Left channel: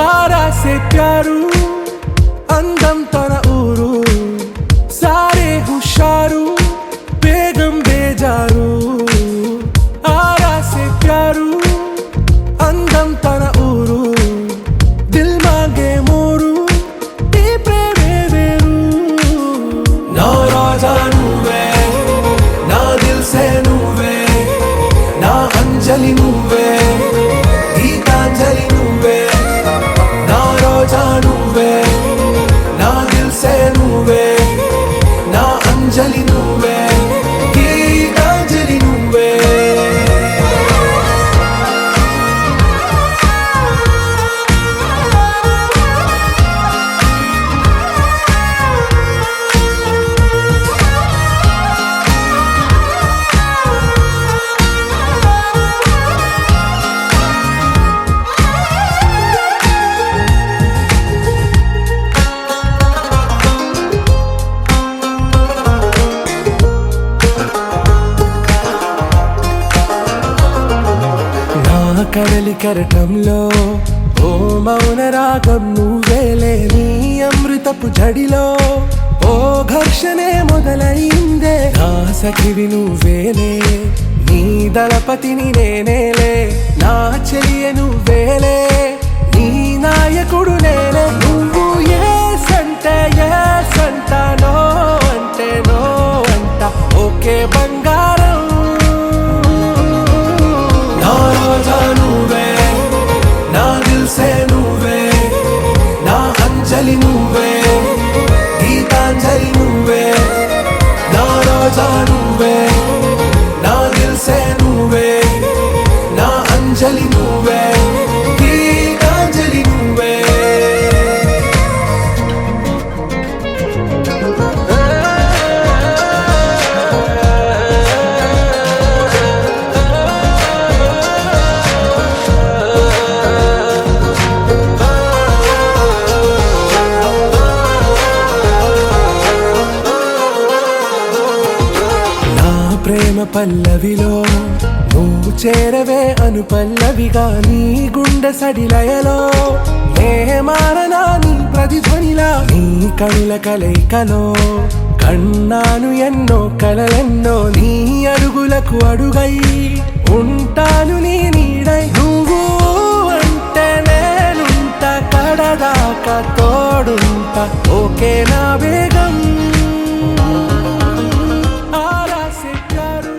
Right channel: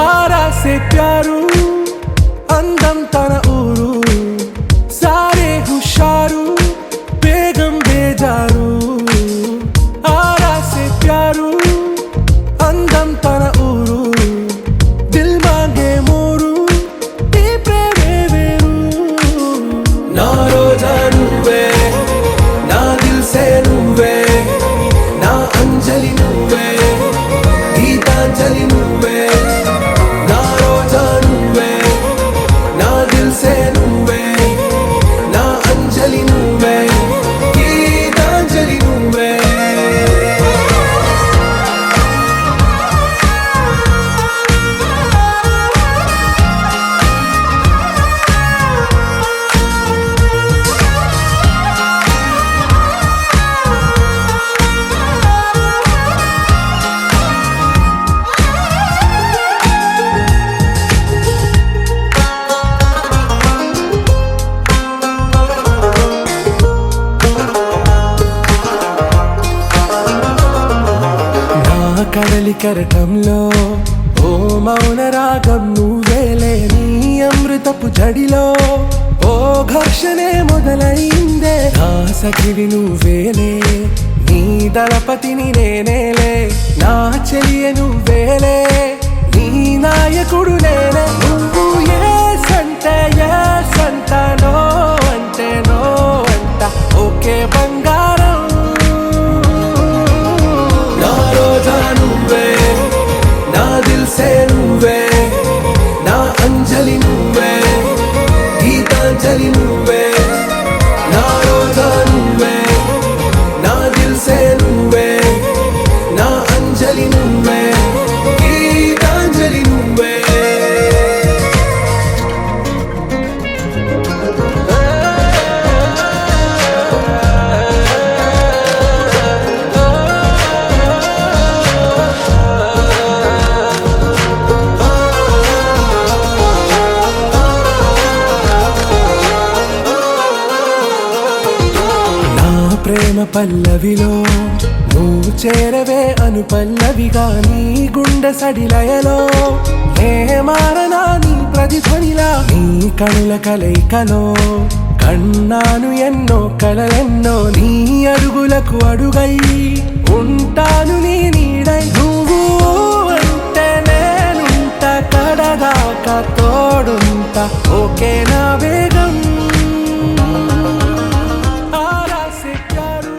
आरा से प्यारू అందం తన ఊరు సారే హుషారు బేగం బేజారు ఆరా సే ప్యారు అందం తన ఊరు దిల్ మాంగే మోరు ఈ ప్రేమే వేరు నా రోజా నువ్వే నా దిల్ సే నువ్వే నా అంజలి నువ్వే గీతాంజలి నువ్వే నా రోజా నువ్వే నా దిల్ సే నువ్వే నా అంజలి నువ్వే గీతాంజలి నువ్వే కడలి కరటంలో ఓ మౌన రాగం నువ్వేలే నీ అమృతపు జడిలో ఓ ఘర్షణే మొదలైందే నా సఖివి నువ్వేలే నీ దళపతిని నేనేలే నా చెలియ నువ్వేలే నీ నాయకుడు నేనే నువ్వు ఏ సంట నో అంటే నో అంట ఓకే బంగారం నువ్వే నా దిల్ సే నువ్వే నా అంజలి నువ్వే గీతాంజలి నువ్వే నా రోజా నువ్వే నా దిల్ సే నువ్వే నా అంజలి నువ్వే గీతాంజలి నువ్వే ప్రేమ పల్లవిలో నువ్వు చేరవే అను పల్లవిగా నీ గుండె సడిలయలో నే మారనా నీ ప్రతిధ్వనిలా నీ కనుల కలయికలో కన్నాను ఎన్నో కలలెన్నో నీ అడుగులకు అడుగై ఉంటాను నీ నీడై నువ్వు అంటే నేనుంట కడదాకా తోడుంటా ఓకే నా బేగం से प्यारू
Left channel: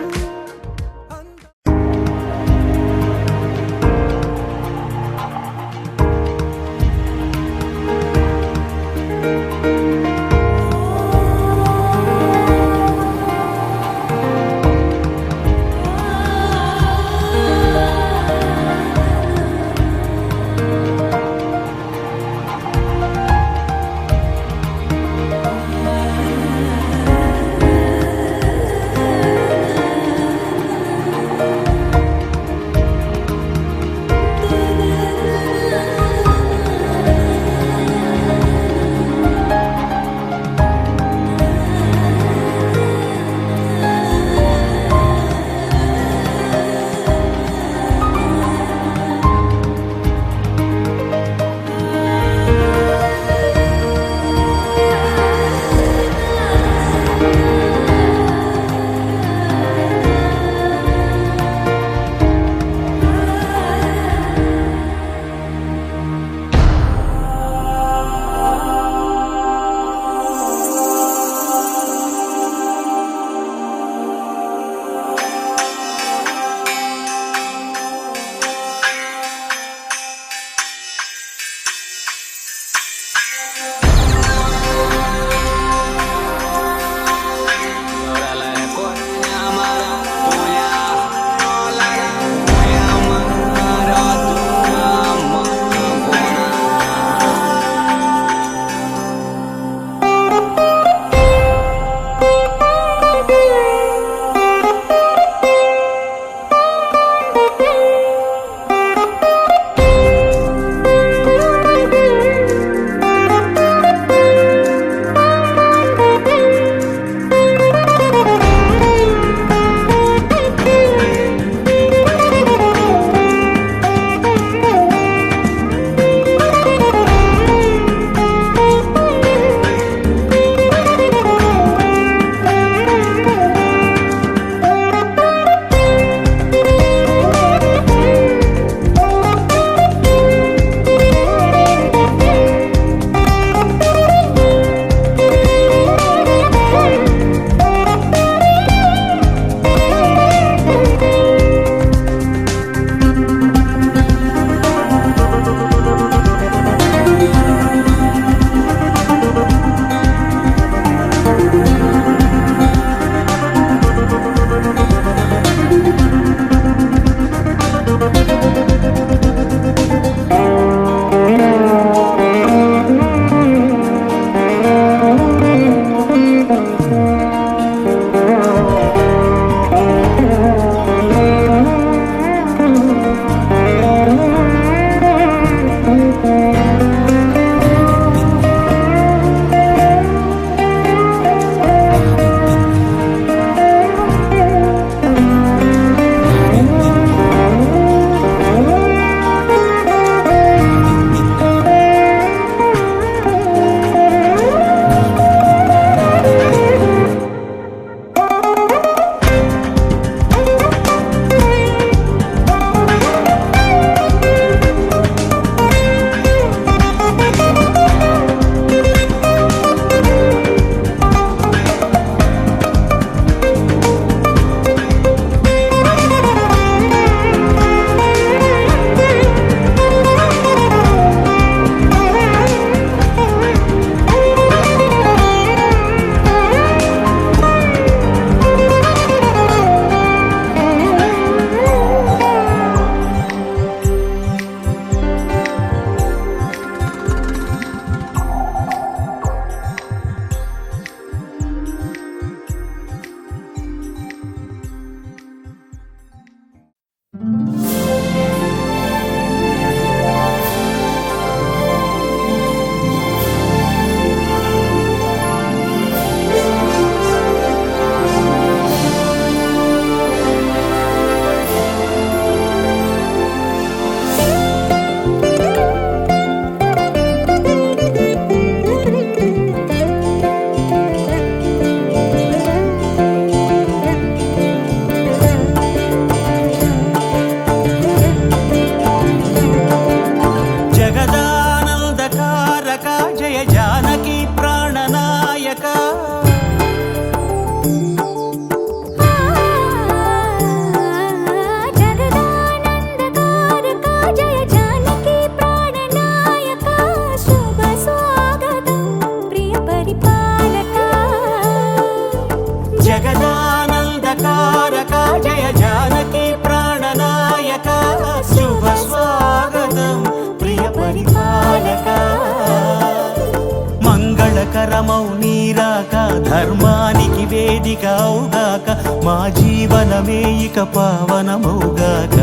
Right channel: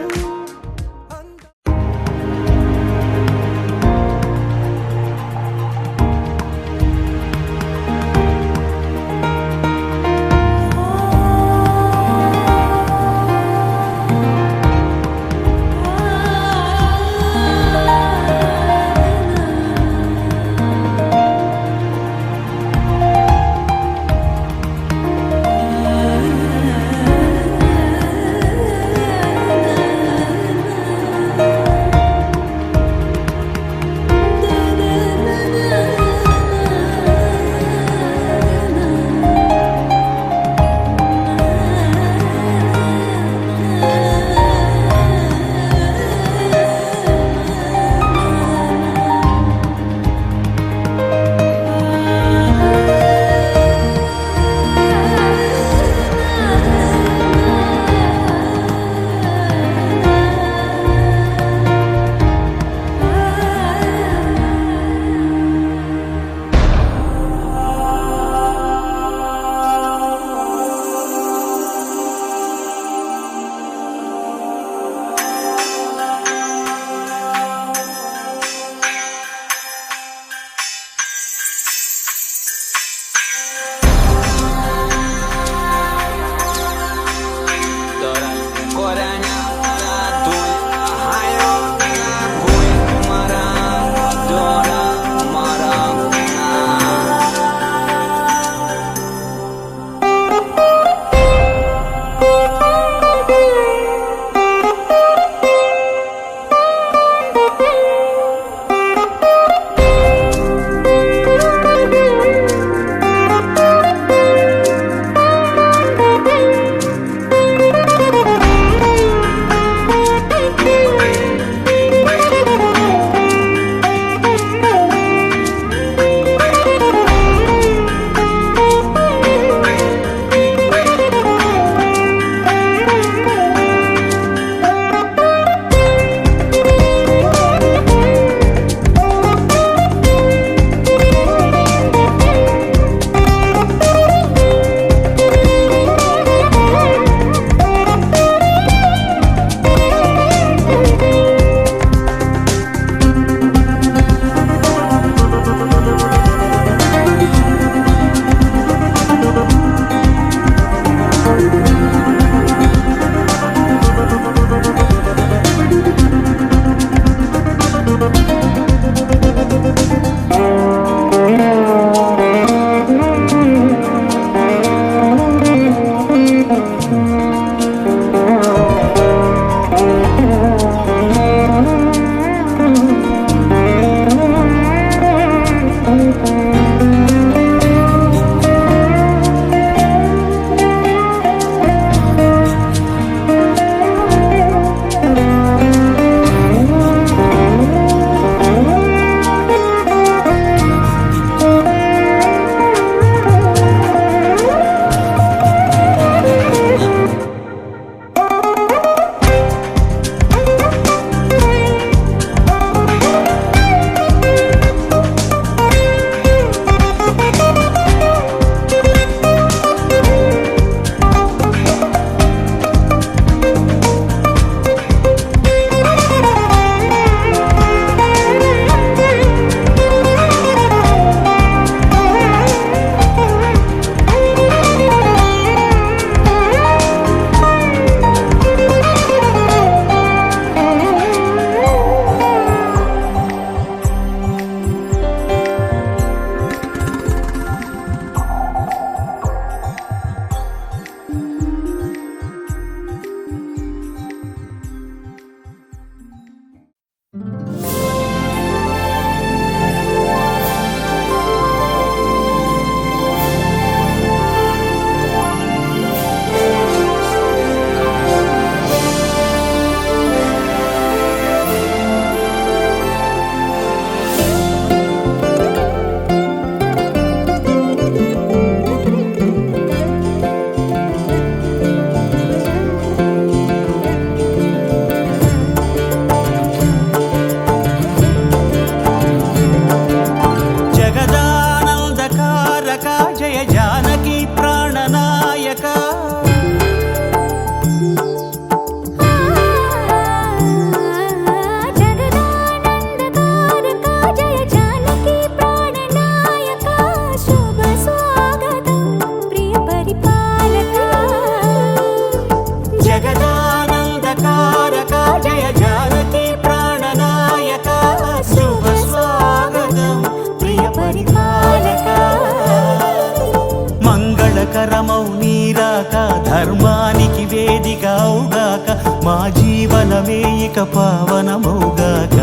మంగళకరమౌ నీరాక ధర్మానికి వేదిక అవుగాక మా జీవనమే ఇక పావనమౌగాక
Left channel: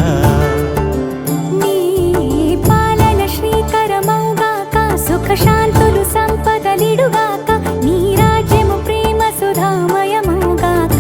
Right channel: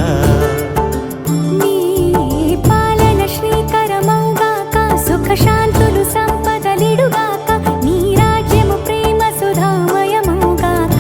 నీ పాలన శ్రీకరమౌగాక సుఖ శాంతులు సంపదలిడుగాక నీ రాజ్యము ప్రేమ సుధామయమౌగాక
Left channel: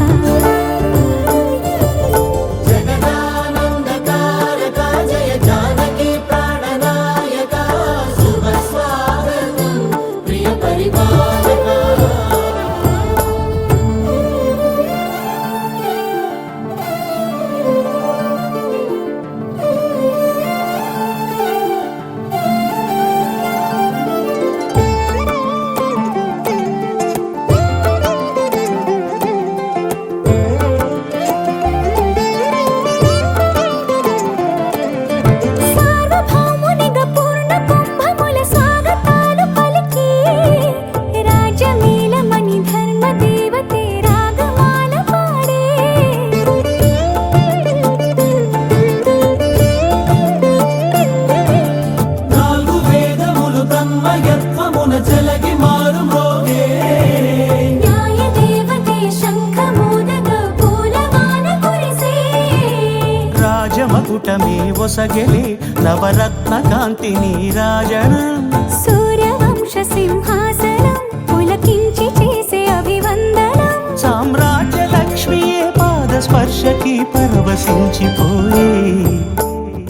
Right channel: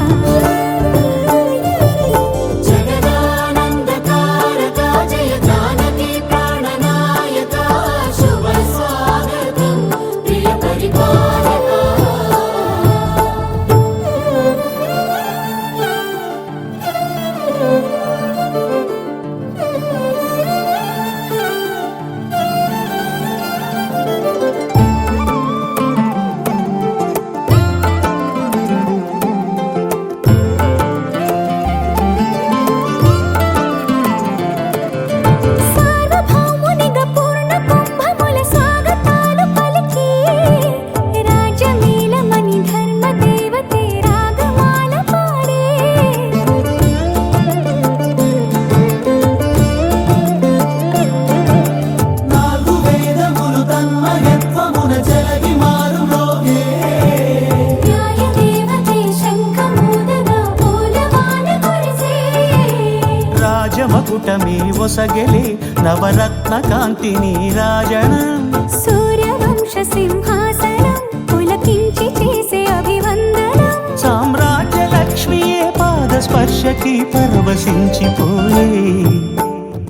రాజమకుటమే ఒసగెలే నవరత్న కాంతి నీరాజనం సూర్యవంశ సింహాసనం పులకించి చేసే అభివందనం సామ్రాజ్య లక్ష్మియే పాద స్పర్శకి పరవశించిపోయే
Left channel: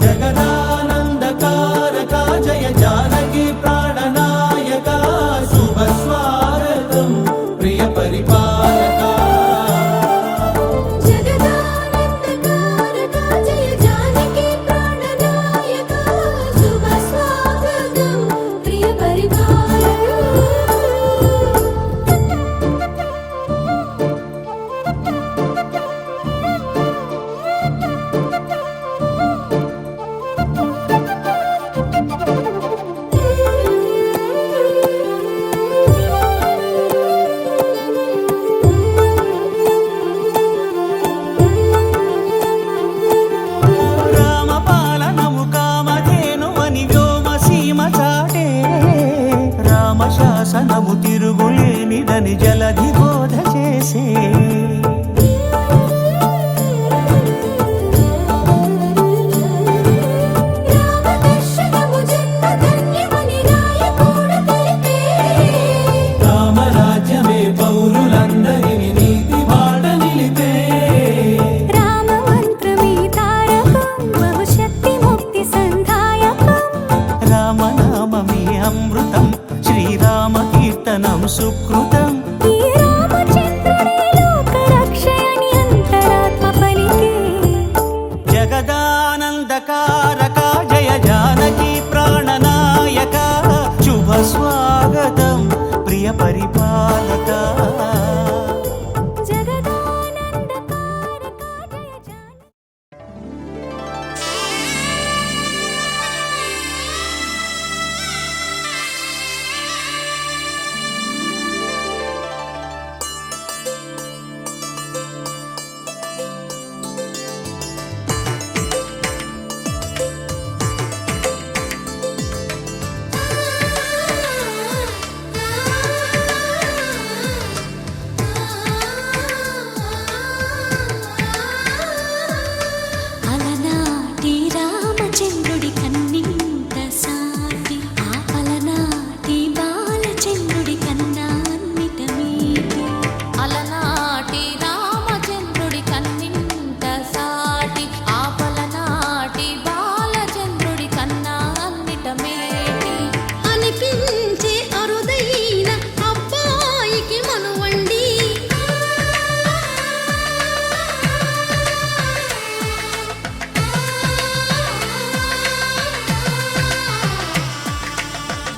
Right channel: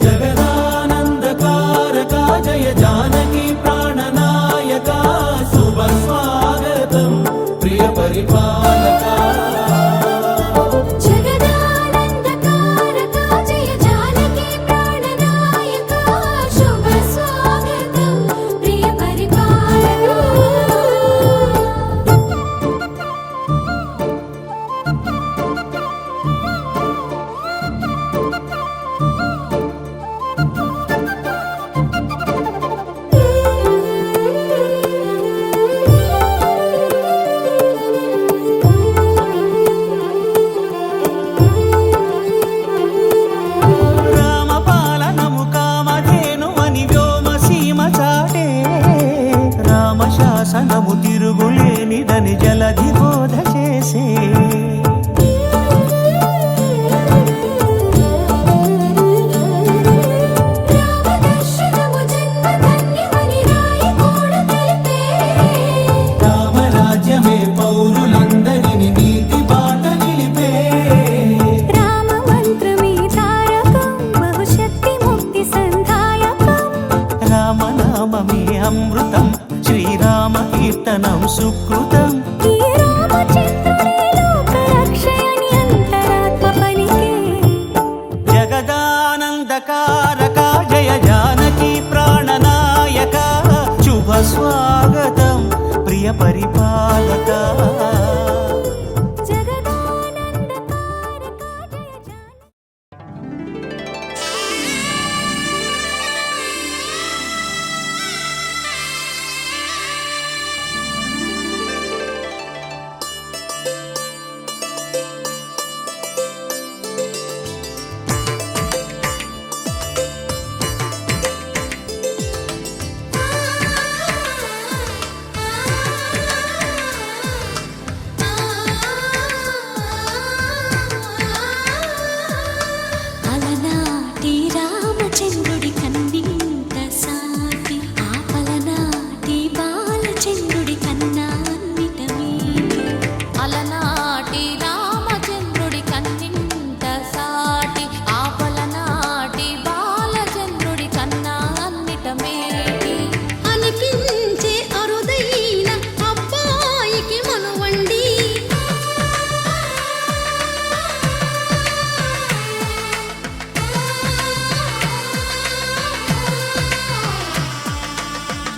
జగదానందకారక జయ జానకి ప్రాణనాయక శుభ స్వాగతం ప్రియ పరిపాలక రామశాసనము తిరుగులేనిదని జలధి బోధ చేసే రామరాజ్యమే పౌరులందరిని నీతి బాట నిలిపే రామ మంత్రమే తారకం బహుశక్తి ముక్తి సంధాయకం రామనామమే అమృతం శ్రీరామ కీర్తనం సుకృతం ఈ రామచంద్రుడే లోక రక్షయని అంతరాత్మ పలికే జగదానందకారక జయ జానకి ప్రాణనాయక శుభ స్వాగతం ప్రియ పరిపాలక అలనాటి రామచంద్రుడి కన్నింత సాటి ఆపలనాటి బాలచంద్రుడి కన్నా అన్నిట మీటి అలనాటి రామచంద్రుడి కన్నింత సాటి ఆపలనాటి బాలచంద్రుడి కన్నా అన్నిట మేటి అనిపించే అరుదైన అబ్బాయికి మనువండి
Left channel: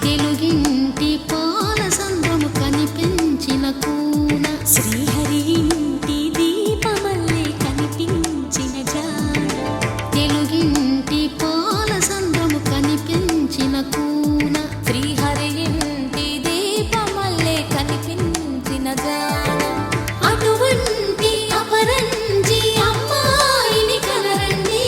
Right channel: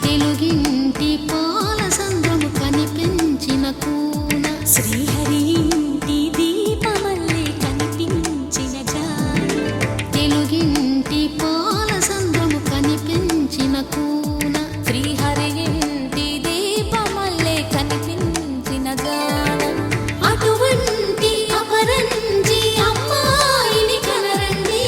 తెలుగింటి పాల సంద్రము కనిపించిన కూన శ్రీహరి ఇంటి దీపమల్లే కనిపించిన జాడ తెలుగింటి పాల సంద్రము కనిపించిన కూన శ్రీహరి ఇంటి దీపమల్లే కనిపించిన జాడ అటువంటి అపరంజి అమ్మాయిని కనరండి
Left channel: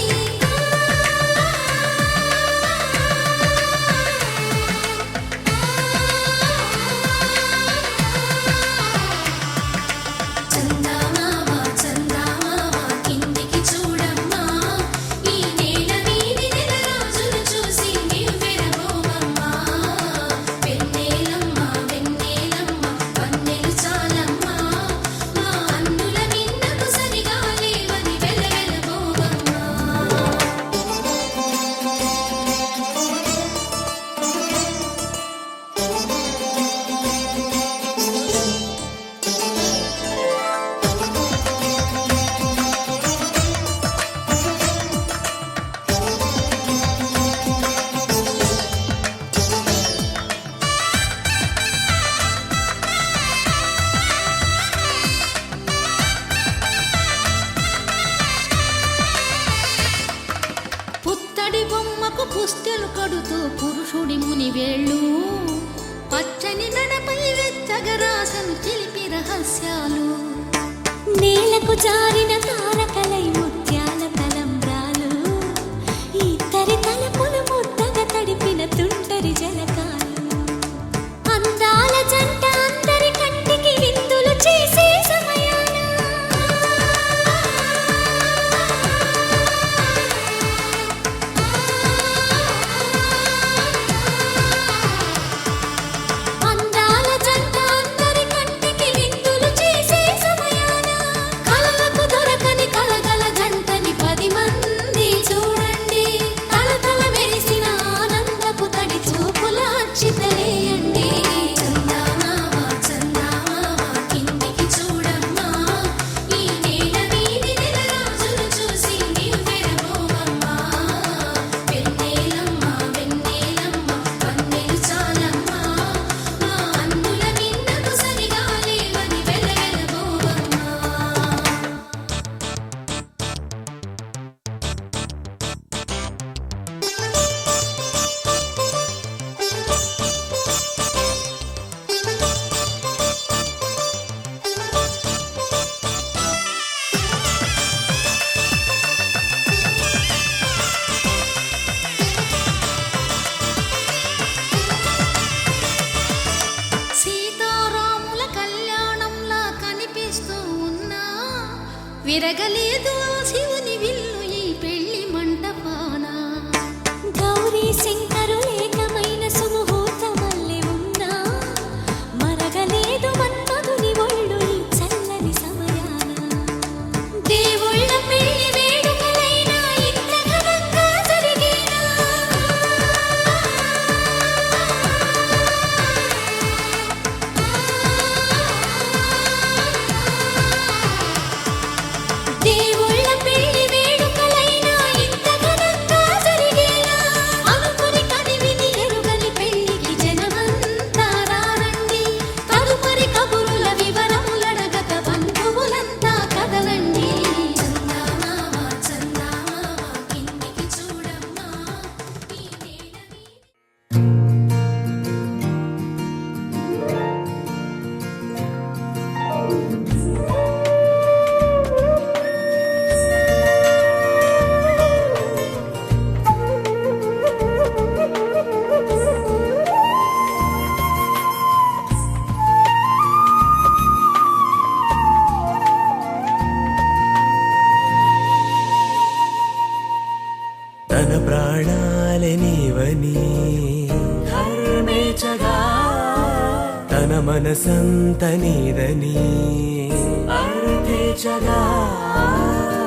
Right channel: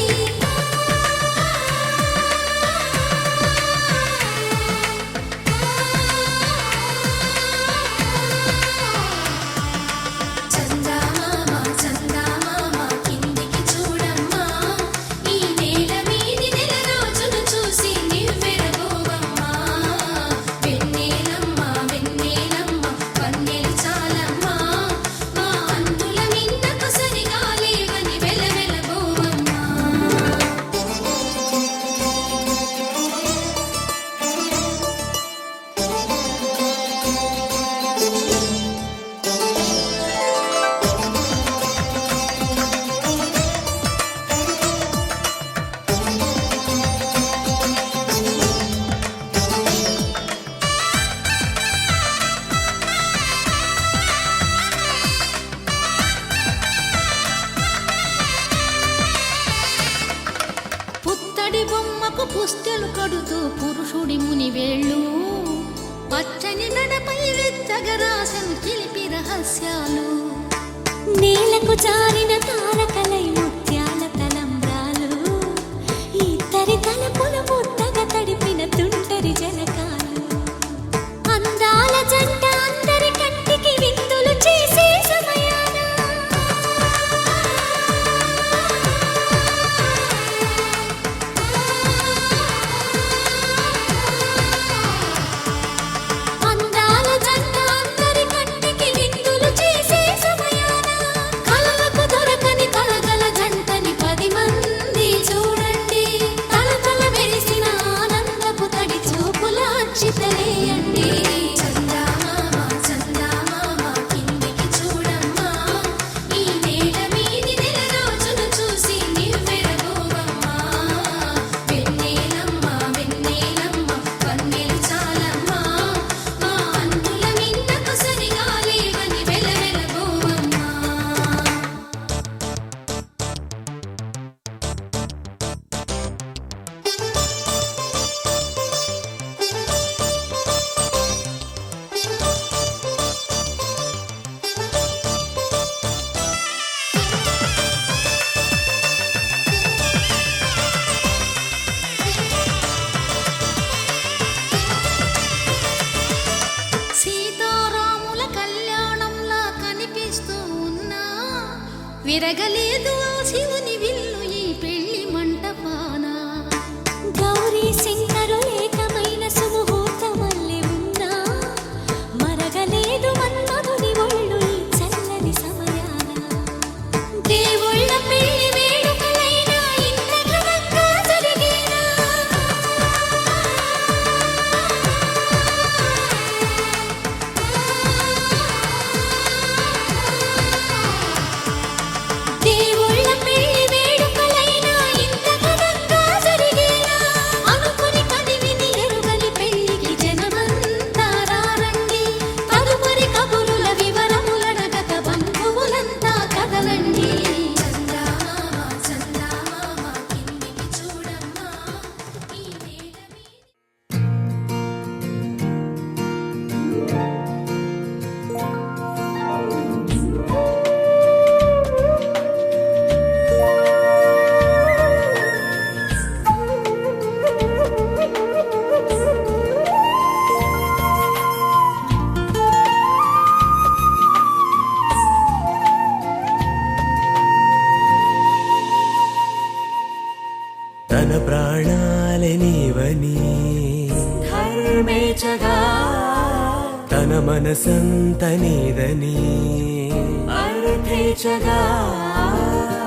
పుత్తడి బొమ్మకు పుస్తెలు కడుతూ పురుషుడి ముని వేళ్ళు పచ్చని నడపై వెచ్చగరాసను చిలిపి రహస్యాలు నేలకు జారిన తారకలై ముత్యాల తలంబ్రాలు ఇద్దరి తలపులు ముద్దగా తడిపిన తుంటరి జలకాలు అందాల జంట అందరి కంటికి విందులు చేసే సమయాన అందాల జంట అందరి కంటికి విందులు చేసే సమయాన కలలకు దొరకని కలగల జంటని 10 మంది చూడండి తలతల మెరిసిన ఆనందపు తడి చూపుల అక్షితలేయండి సీతారాముల కళ్యాణంలా కనిపిస్తూ ఉన్నా విరగలేదు ఆ శివుని విల్లు ఈ పెళ్లి మంటపాన గౌరీ శంకరులేకమైన సుముహూర్తమల్లె ఉన్నా మరగలేదు మన్మధుని ఒళ్ళు ఈ చల్లని సమయాన దేవుళ్ళ పెళ్లి వేడుకలైనా ఇంత ఘనంగా జరిగేనా దేవుళ్ళ పెళ్లి వేడుకలైనా ఇంత ఘనంగా జరిగేనా అనుకుని కదివిని ఎరుగని పెళ్లికి జనమంతా రారండి తదుపరి కబురుల వివరములడగక బంధువులంతా కదలండి తన ప్రాణాలే నీవని ధర్మేచగా తన మనసంత నీదని అర్థేచగా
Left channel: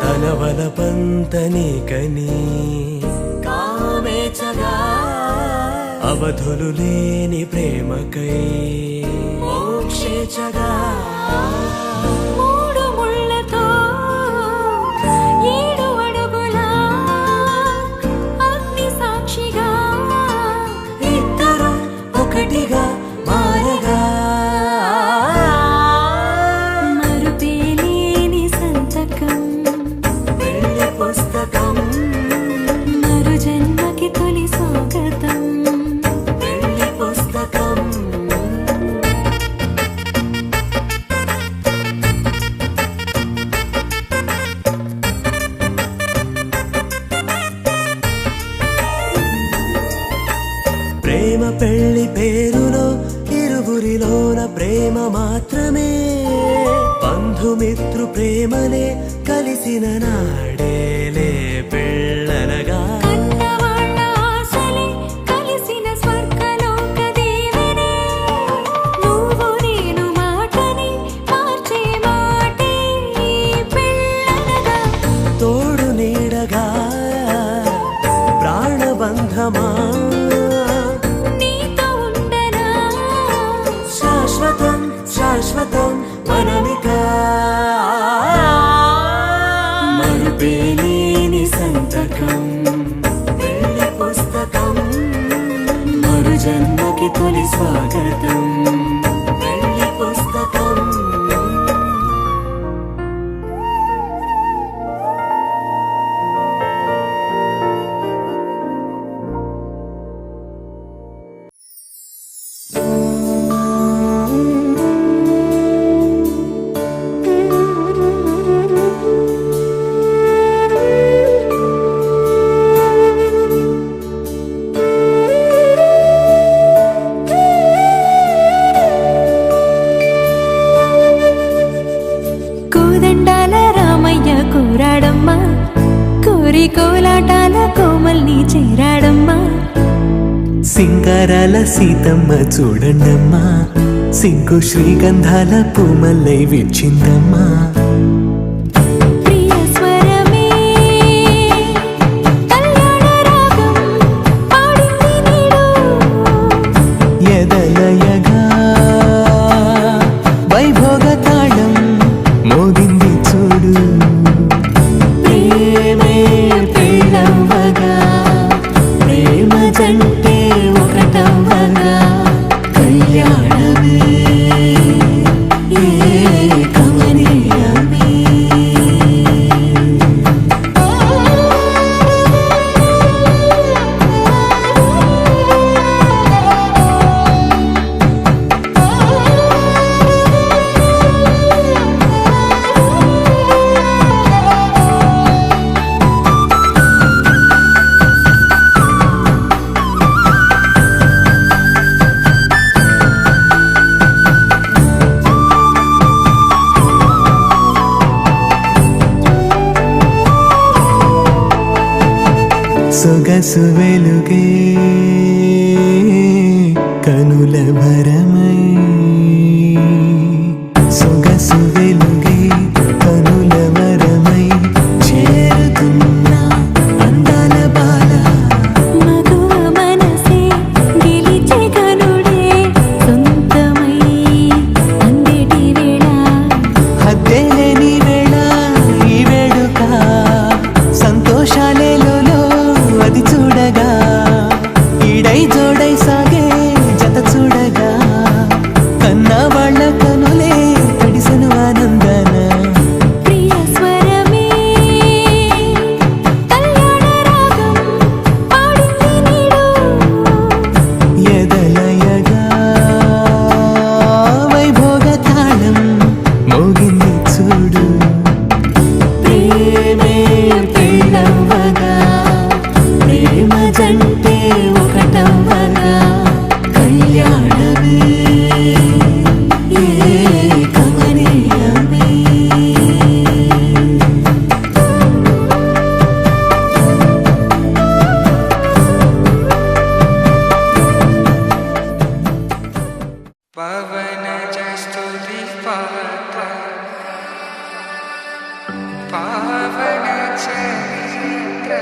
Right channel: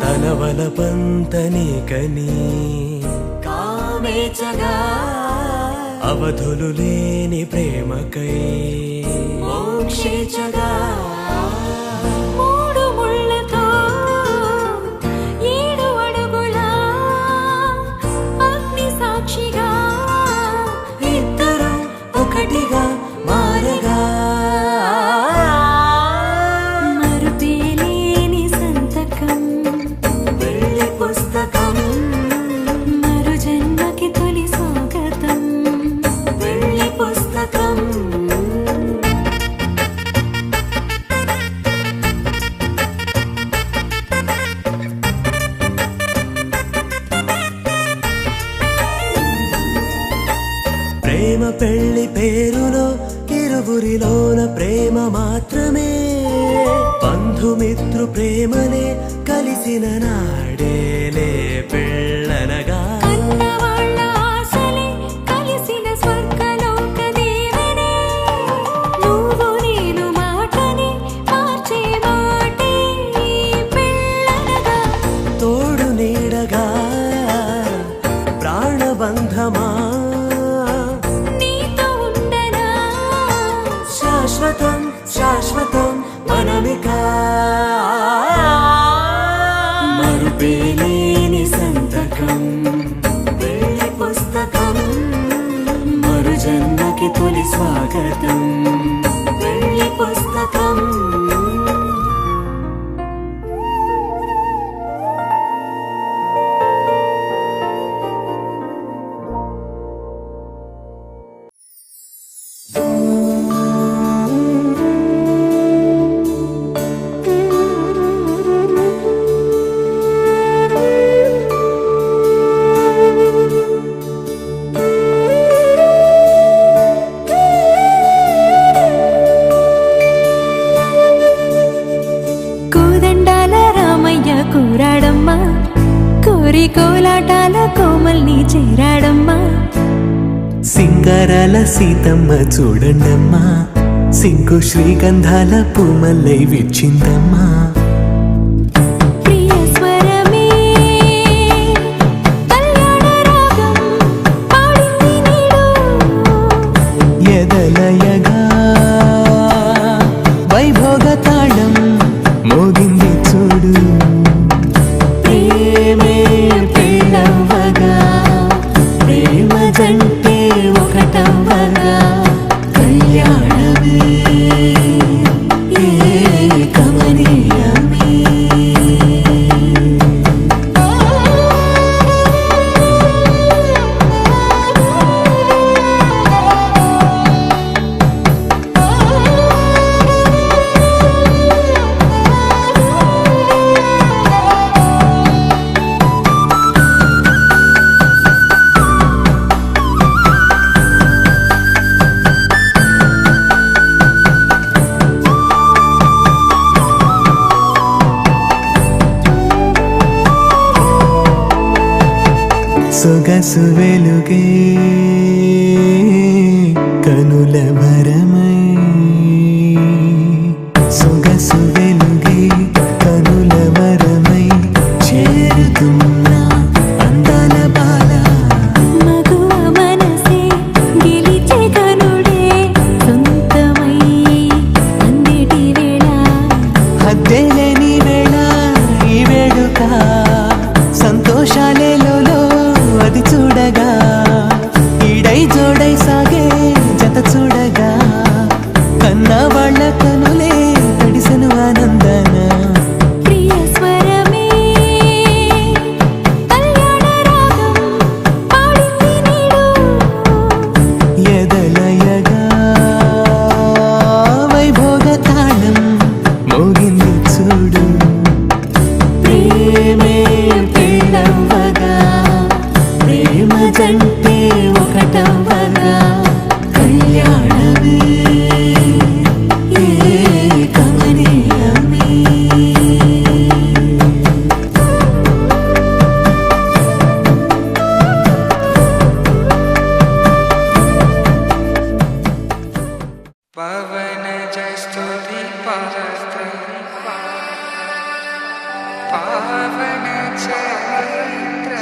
తన వలపంత నీకని కామేచగా అవధులు లేని ప్రేమకై మోక్షేచగా మూడు ముళ్ళతో 7 అడుగుల అగ్ని సాక్షిగా ఇద్దరు ఒకటిగా మారగా మరుపేలేని సంతకం పెళ్లి పుస్తకం మరు జన్మకి తొలి స్వాగతం పెళ్లి పుస్తకం ప్రేమ పెళ్లి పేరులో ఇరువురిలోన ప్రేమ మాత్రమే బంధుమిత్రు ప్రేమనే కలిసిన నాడేలే పెళ్ళనగా కన్నవాళ్ళ ఆశలే కలిసిన స్వర్గలోక దేవనే నువ్వు నేను మాటని మార్చే మాటే పెళ్ళనగా తోడు నీడగా ప్రాణబంధమా నీతో ఉండనా శాశ్వతం శాశ్వతం మనమిక మరుపేలేని సంతకం పెళ్లి పుస్తకం మరు జన్మకి తొలి స్వాగతం పెళ్లి పుస్తకం కోరి కోలాటాల కోమల్ని చేరాడమ్మా. సింగారాల సీతమ్మ చూడండమ్మా, సిగ్గు శ్రీగంధాల పూమల్లై విచ్చిందమ్మా. ప్రియ స్వరమే కళ్యాణ రాగం పాడింది నీడు, ఎదలయగా వైభోగ తాళం మోగింది చూడు. ప్రేమే పెళ్ళవ్వగా, ప్రేమ జంటే ఒకటవ్వగా, కళ్యాణమే కమనీయమే. సొగసు వెలుగే కనుల భరమై, సొగసు వెలుగే కనుల వరమై చేరుతున్న అందాల బాల. మగువ మనసే గెలిచే కనుడే సొంతమై అందేటి వేళ, హద్దేలేని వేళ ఈ వేడుక, సంతోషాలేలో అది చూడగా, ఈడై జోడై సాగే జత చూడగా, కన్నా వాళ్ళ కనులే తడిసెను ఆనందన. ప్రియ స్వరమే కళ్యాణ రాగం పాడింది నీడు, ఎదలయగా వైభోగ తాళం మోగింది చూడు. ప్రేమే పెళ్ళవ్వగా, ప్రేమ జంటే ఒకటవ్వగా, కళ్యాణమే కమనీయమే. పవన జస్తుతి పాత్ర పావన చరిత్ర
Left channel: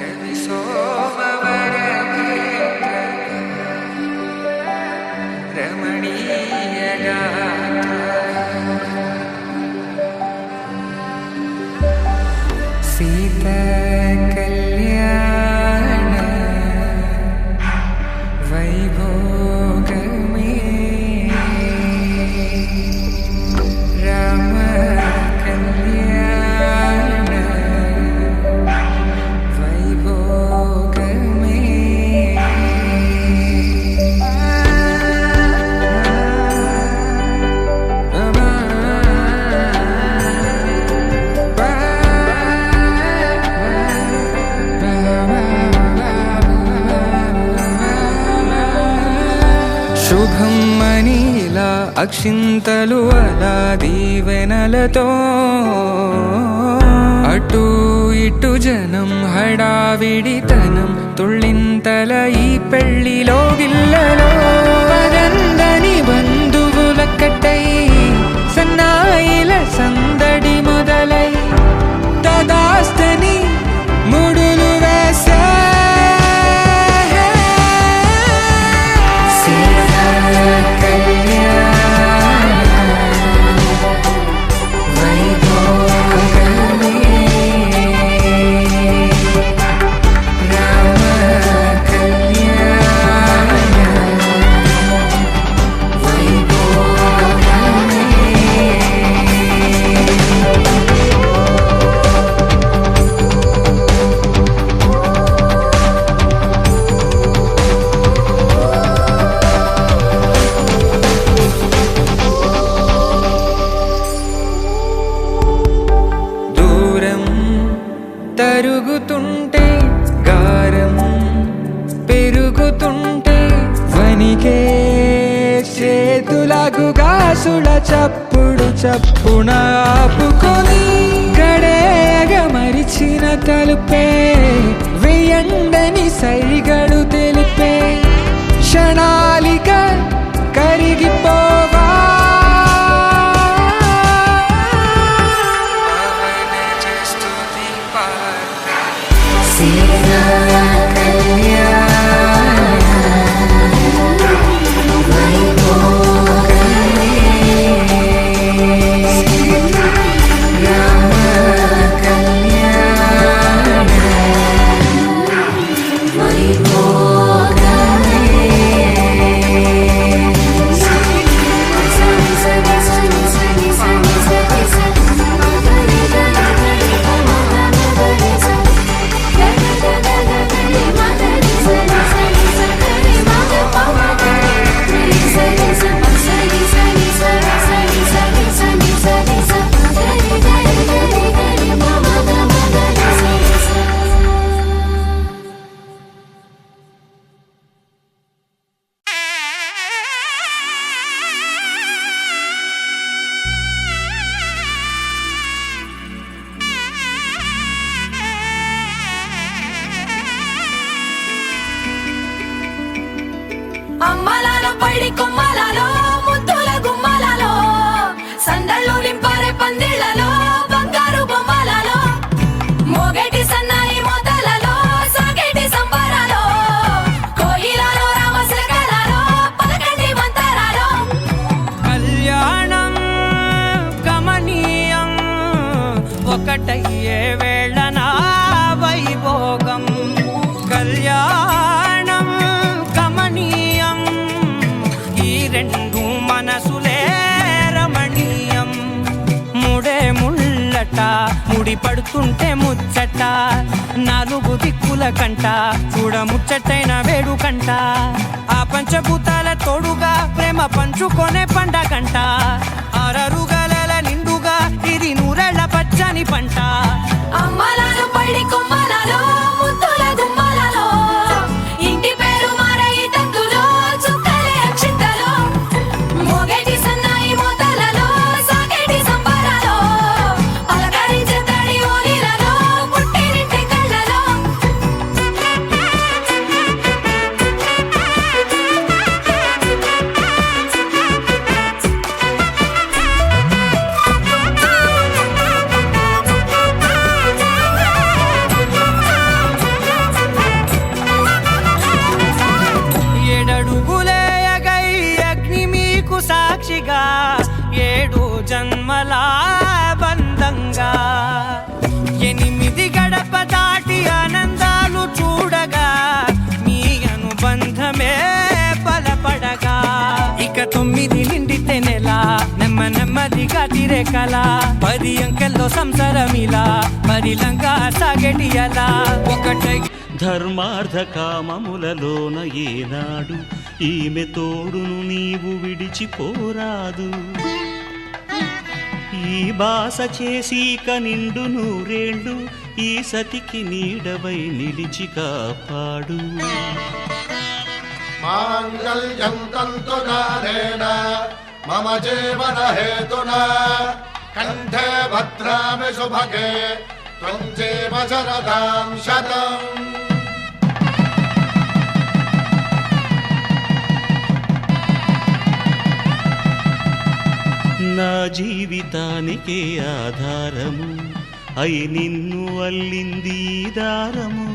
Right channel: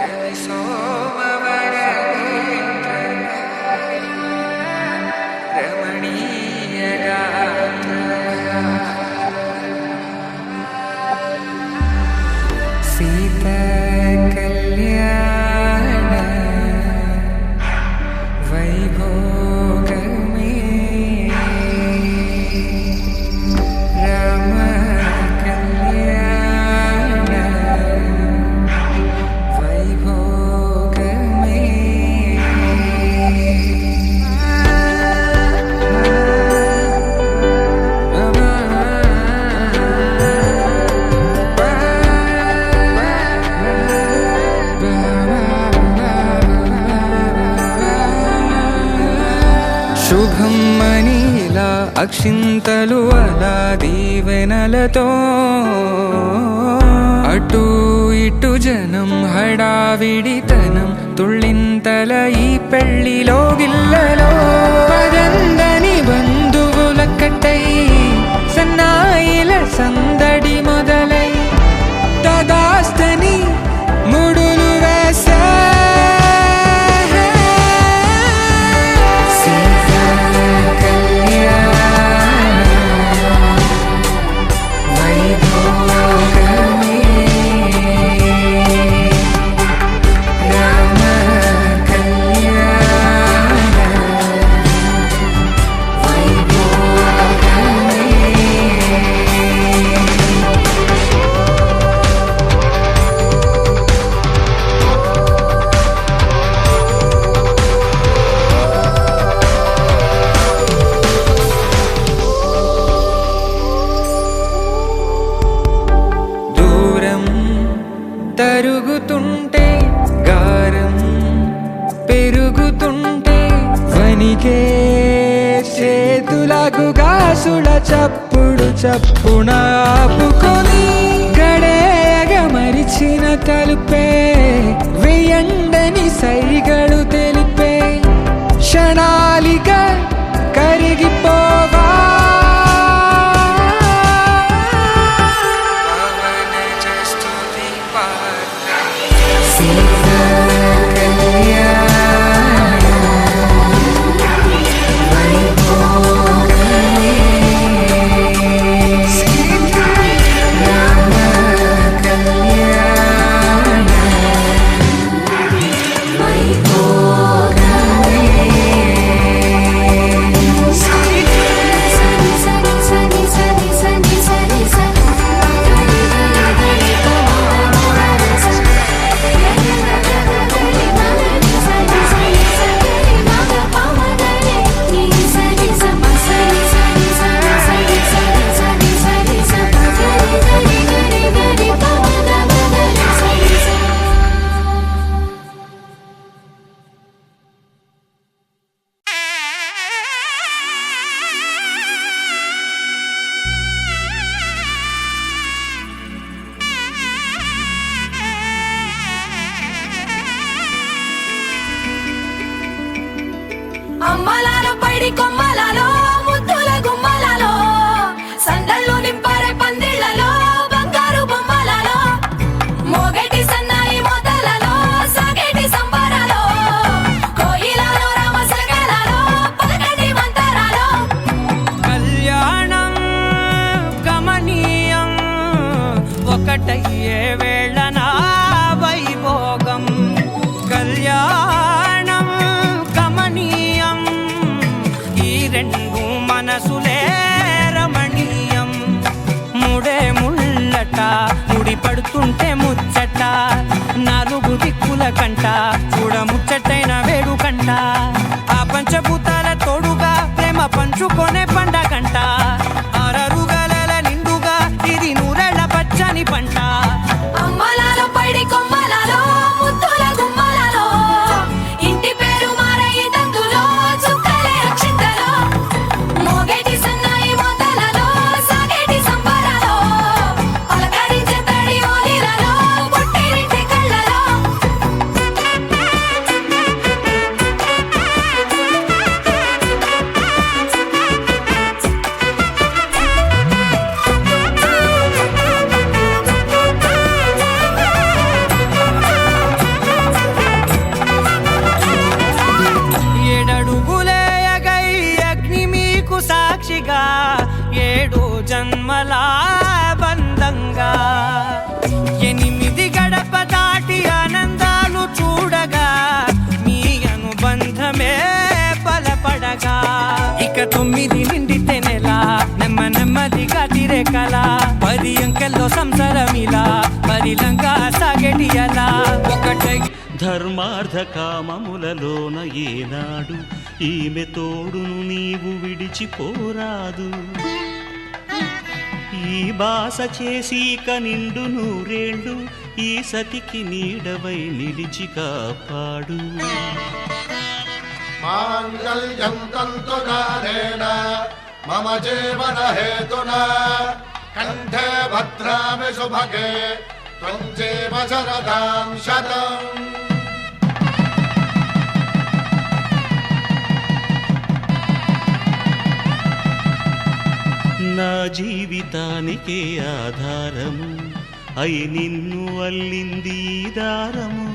రవి సోమవర నేత్ర రమణీయ గాత్ర సీత కళ్యాణ వైభోగమే రామ కళ్యాణ వైభోగమే. శుభం మనీలా అక్షింతలు అలా దీవెనలతో, అటు ఇటు జనం హడావిడితనం తుళ్ళింతల ఈ పెళ్లిలో గిల్లలో, పదందని బంధువుల కట్టై సన్నాయిల సందడి మొదలై, తదాస్తని ముడులు వేసా. తరుగుతుంటే గారం పెరుగుతుంటే వనికే చేతులకు గాసుల చప్ప చప్పుడు చప్పున ఆపుకొని గడేగ మరిచిన తలుపే వేయండని సైగడు తెలిపే క్షణాలిక కరిగిపోవా అమ్మలాలో పైడి కొమ్మలలో ముద్దుల గుమ్మలలో సందళ్ళు నింపారే పందిళ్లలో బంగారు బొమ్మలలో మోగేటి సన్నాయి మోతలలో సాగేటి సంబరాలో కోయిలలో రామసగలలో పలకటి మంతరాలో కళ్యాణం గమనీయం ఒకటయ్యే వేళనా వైభోగం కళ్యాణం గమనీయం ఈ రెండు మనసులే రమణీయం ముడే ముళ్ళట ముడి పడుతుంటే ముచ్చట నాలుగు దిక్కుల కంట చూడ ముచ్చటైన వేడుకంట ఆ పంచభూతాల తోడుగా ప్రేమ పంచుకొనే పండగంట ఆరరుగల నిండుగా ఇది నూరెళ్ళ పచ్చని పంట అమ్మలాలో పైడి కొమ్మలలో ముద్దుల గుమ్మలలో ఇంటి పేరు మారయి తందులో చుక్కలే అక్షింతలో మోగేటి సన్నాయి మోతలలో సాగేటి సంబరాలో అలకరించే తడి ఓలిలలో పుట్టినింటి కళ్ళలో ఏడడుగులేయగై అగ్ని మీకు సాక్షిగా ఏడు జన్మల బంధంగా 8 గడప దాటి ఆనందాలు చూడగా మీ అనుబంధమే బలపడగా ఇక 9 నిండితే నెల నెమ్మదిగా తిరే కల 10 అంకెల్లో సంసారమిలా పరిలంగా సాగేటి అలా ఒకటై ధర్మార్థ కామములలోన ఏనాడు ఈమె తోడును నీవు విడిచిపోరాదు ఈ బాస చేసీక నిండు నూరేళ్ళు ఈ సతికి నీడవై నిలిచి కాపాడు మాంగళ్యం తంతునానేన మమ జీవన హేతునా కంఠే భద్రామి శుభగే త్వం జీవ శరదాం శతం నా జీవితానికే ఆధారము అయి నిన్ను అల్లింది ఈ దారము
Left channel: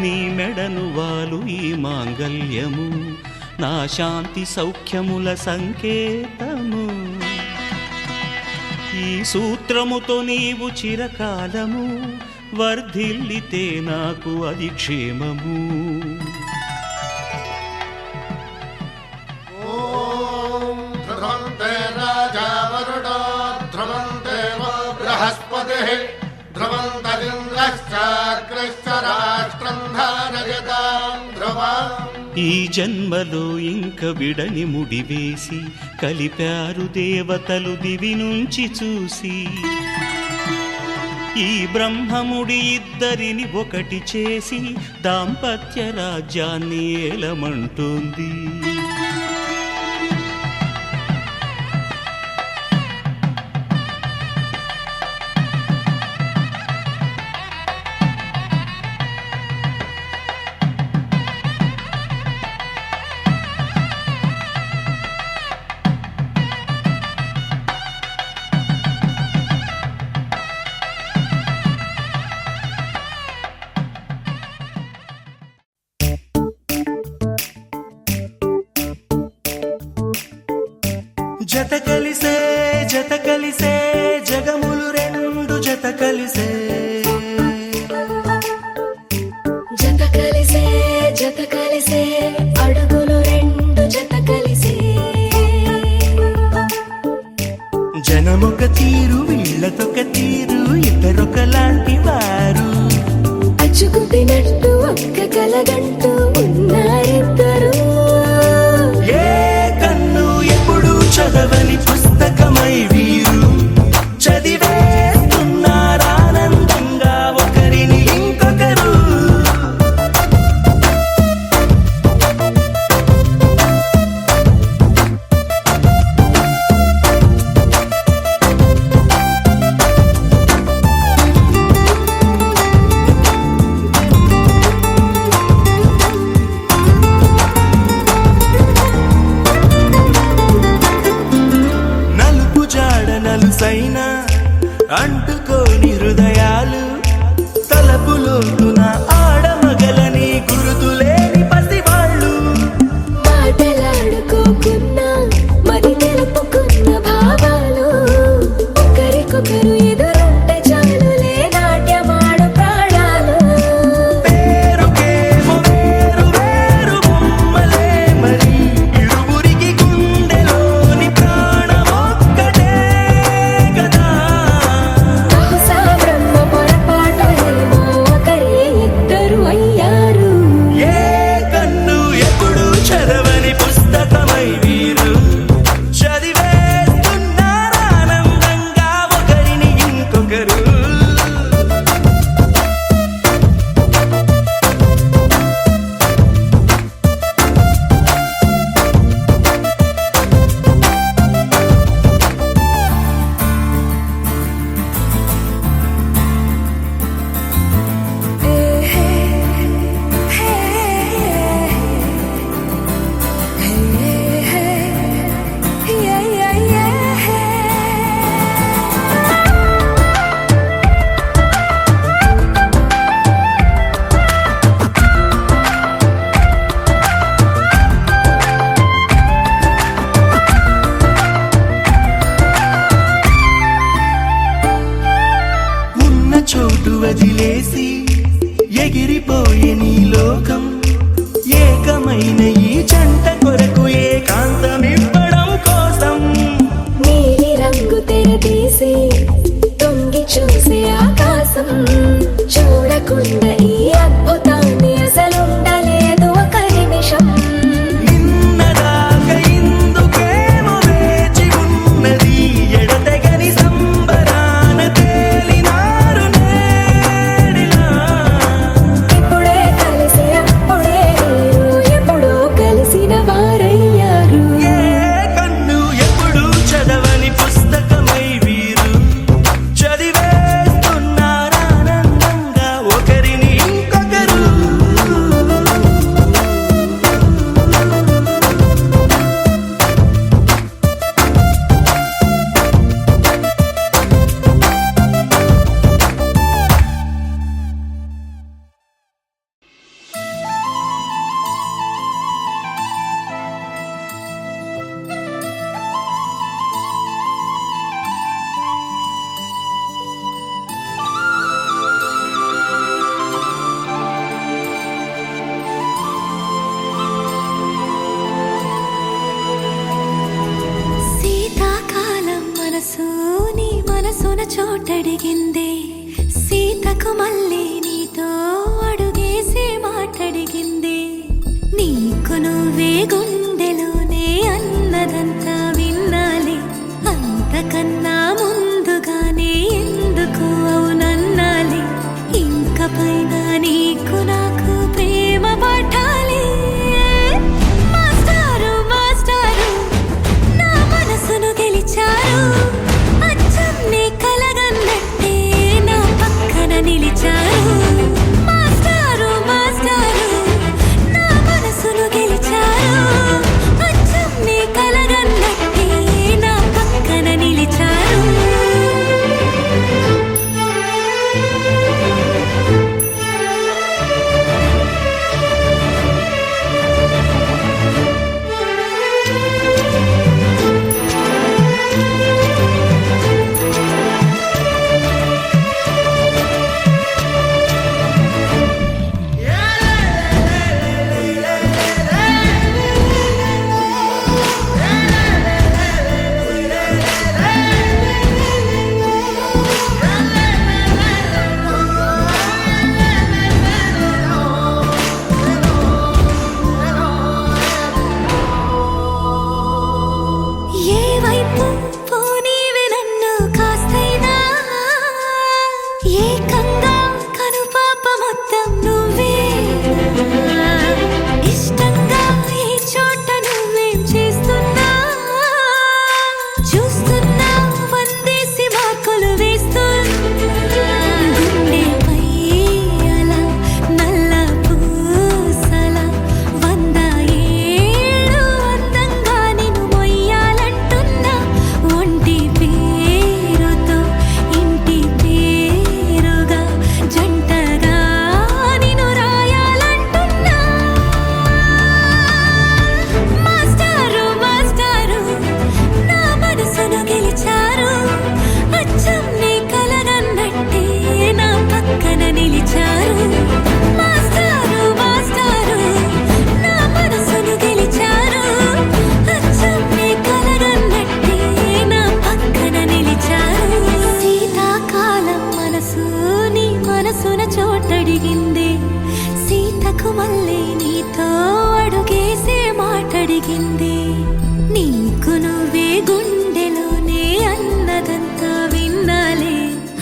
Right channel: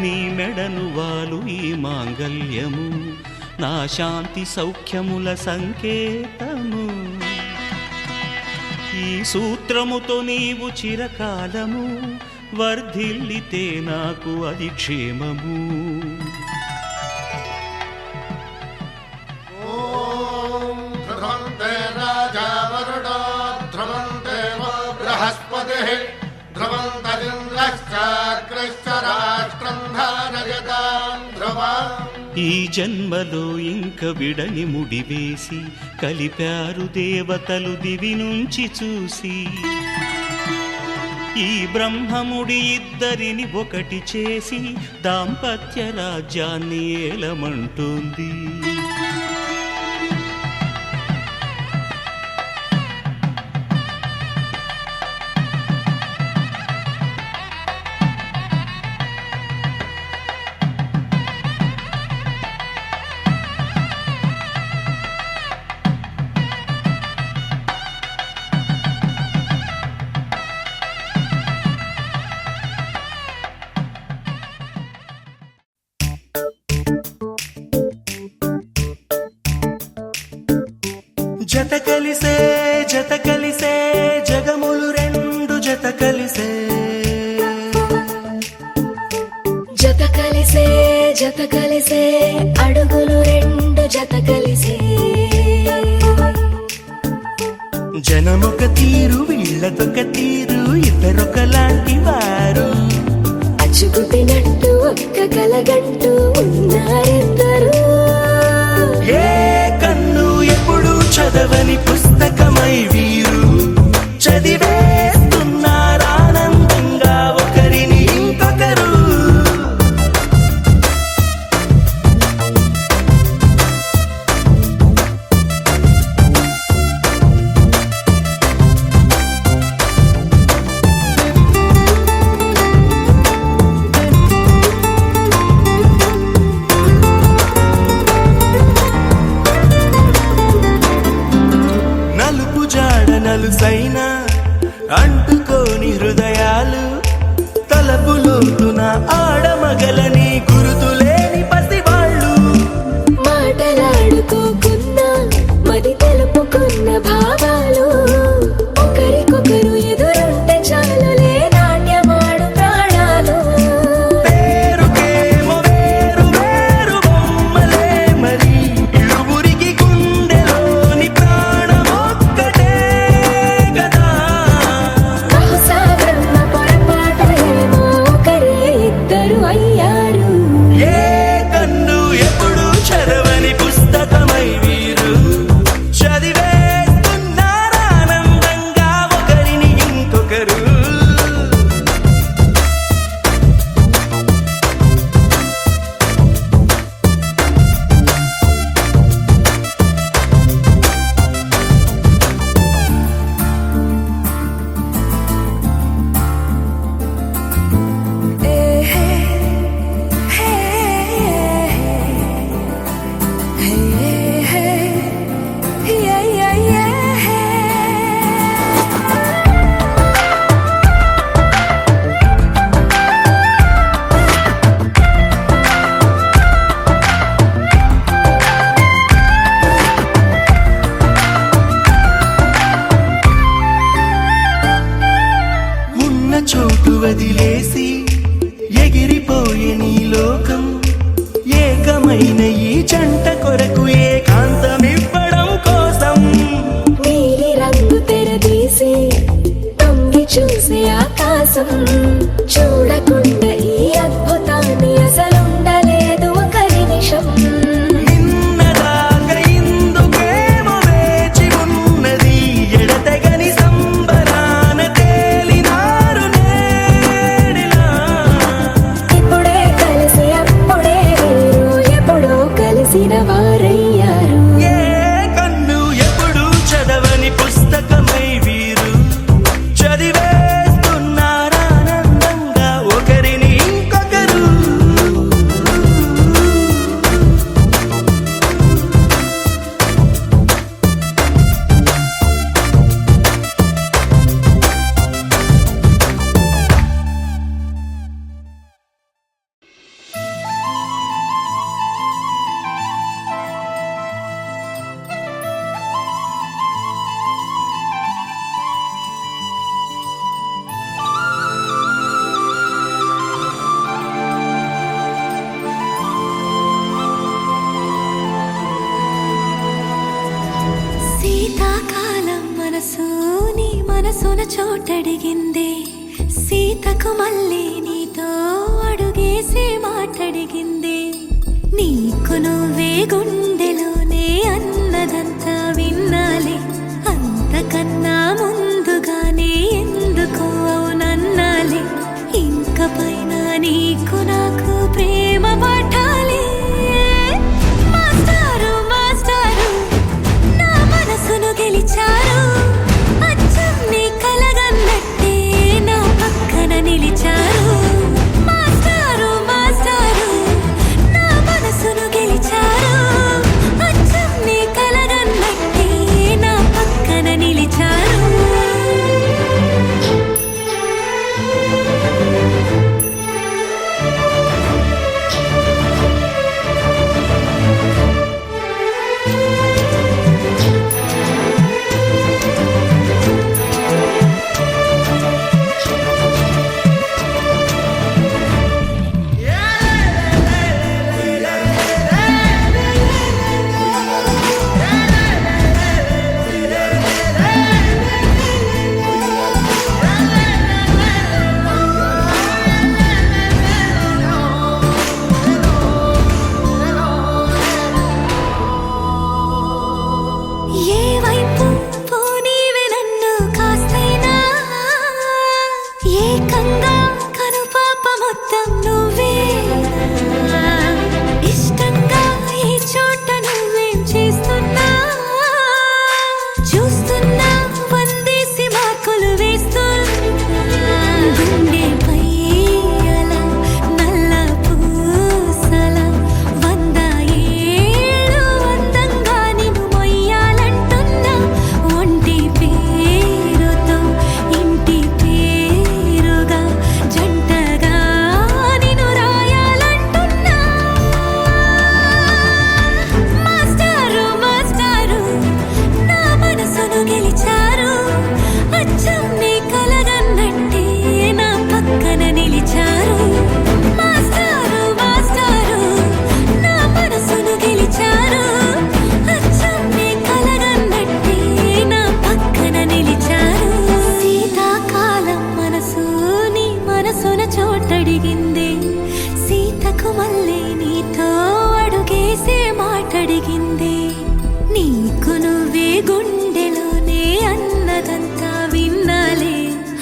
నీ మెడను వాలు ఈ మాంగల్యము నా శాంతి సౌఖ్యముల సంకేతము ఈ సూత్రముతో నీవు చిరకాలము వర్ధిల్లితే నాకు అది క్షేమము ఓం ధ్రువంతే రాజా వరుడో ధ్రువంతే వో బృహస్పతిః ధ్రువంతరింద్రశ్చాగ్రశ్చ రాష్ట్రం ధారయతాం ధ్రువం ఈ జన్మలో ఇంక విడని ముడివేసి కలిపారు దేవతలు దివి నుంచి చూసి ఈ బ్రహ్మముడి ఇద్దరిని ఒకటి చేసి దాంపత్య రాజ్యాన్ని ఏలమంటుంది జత కలిసే జగములు రెండు జత కలిసే జత కలిసే అడుగులు రెండు జత కలిసే జనమొక తీరు వీళ్ళదొక తీరు ఇద్దరొకలాంటి వారు అచ్చుకుతినట్టు ఒక్క కలగంటూ ఉన్నారిద్దరు ఏ కన్ను ఎప్పుడు చదవని పుస్తకమై వీరు చదివేస్తున్నారానందంగా ఒకరిని ఇంకొకరు నలుపు జాడ నలుసైనా అంటుకోని హృదయాలు తలపులోతున ఆడమగలని గురుతులేని పసివాళ్ళు మాటలాడుకోకున్నా మరి తెలుపుకున్న భావాలు ఒకరికొకరు ఎదురుంటే చాలులే నాట్యమాడు ప్రాణాలు పేరుకేమో వేరు వేరు బొమ్మలే మరి ఇరువురికి గుండెలోని ప్రాణమొక్కటే కదా బహుశా బ్రహ్మ పొరపాటు ఏమో ఒకరే ఇద్దరు అయ్యారు ఏ కన్ను ఎప్పుడు చదవని పుస్తకమై వీరు చదివేస్తున్నారానందంగా ఒకరిని ఇంకొకరు ఉన్న చోటు వదిలేసి ఎగిరిపోయే నీ లోకం ఏకమైన ఈ జంట కొరకు ఏకాంతమివ్వడం కోసం నీలి రంగు తెరదీసే తొంగి చూసే ఆకాశం చూడకుండా ఈ అద్భుతాన్ని అసలుండలేదు ఒక నిమిషం నిన్నదాకా ఇందుకేమో వేచి ఉన్నది ఎడతెగని సంబరాన తేలినారు నేడిలా ఇప్పుడే కలిసి అప్పుడే వీరు ఎప్పుడో కలిసిన వారయ్యారు ఏ కన్ను ఎప్పుడు చదవని పుస్తకమై వీరు చదివేస్తున్నారానందంగా ఒకరిని ఇంకొకరు శీతాకాలం మనసు నీ మనసున చోటడిగిందే సీతకు మళ్ళీ నీతో అడుగేసి మాటడిగిందే నీకు నువ్వే గుండెలోనే అన్నదంతా విన్నాలే అంతకన్నా ముందుగానే ఎందుకు అవునన్నాలే ఇంక పైన నీకు నాకు ప్రేమ పాఠాలే మాస్టారు మాస్టారు నా మనసును గెలిచారు అచ్చం నీ కలగన్నట్టే నా పక్కన నిలిచారు మాస్టారు మాస్టారు నా మనసును గెలిచారు అచ్చం నీ కలగన్నట్టే నా పక్కన నిలిచారు ఏకంగా కనుపాప మొత్తం నువ్వేనా ఇష్టంగా ఈ చోట నువ్వేం చేస్తున్నా చూస్తున్నా వందేసి మార్కులు వేస్తున్నా గుండెపై అలా నల్ల పూసల 100 ఏళ్ళు అందంగా నిన్ను మొయ్యాలంటున్నా ఒంటి పేరుతో ఇంటి పేరుగా జంటగా నిన్ను రాయాలంటున్నా మాస్టారు మాస్టారు నా మనసును గెలిచారు అచ్చం నీ కలగన్నట్టే నా పక్కన నిలిచారు మాస్టారు మాస్టారు నా మనసును గెలిచారు అచ్చం నీ కలగన్నట్టే నా పక్కన నిలిచారు శీతాకాలం మనసు నీ మనసున చోటడిగింది సీతకు మళ్ళీ నీతో అడుగేసే మాటడిగింది నీకు నువ్వే గుండెలోనే అన్నదంతా విన్నాలే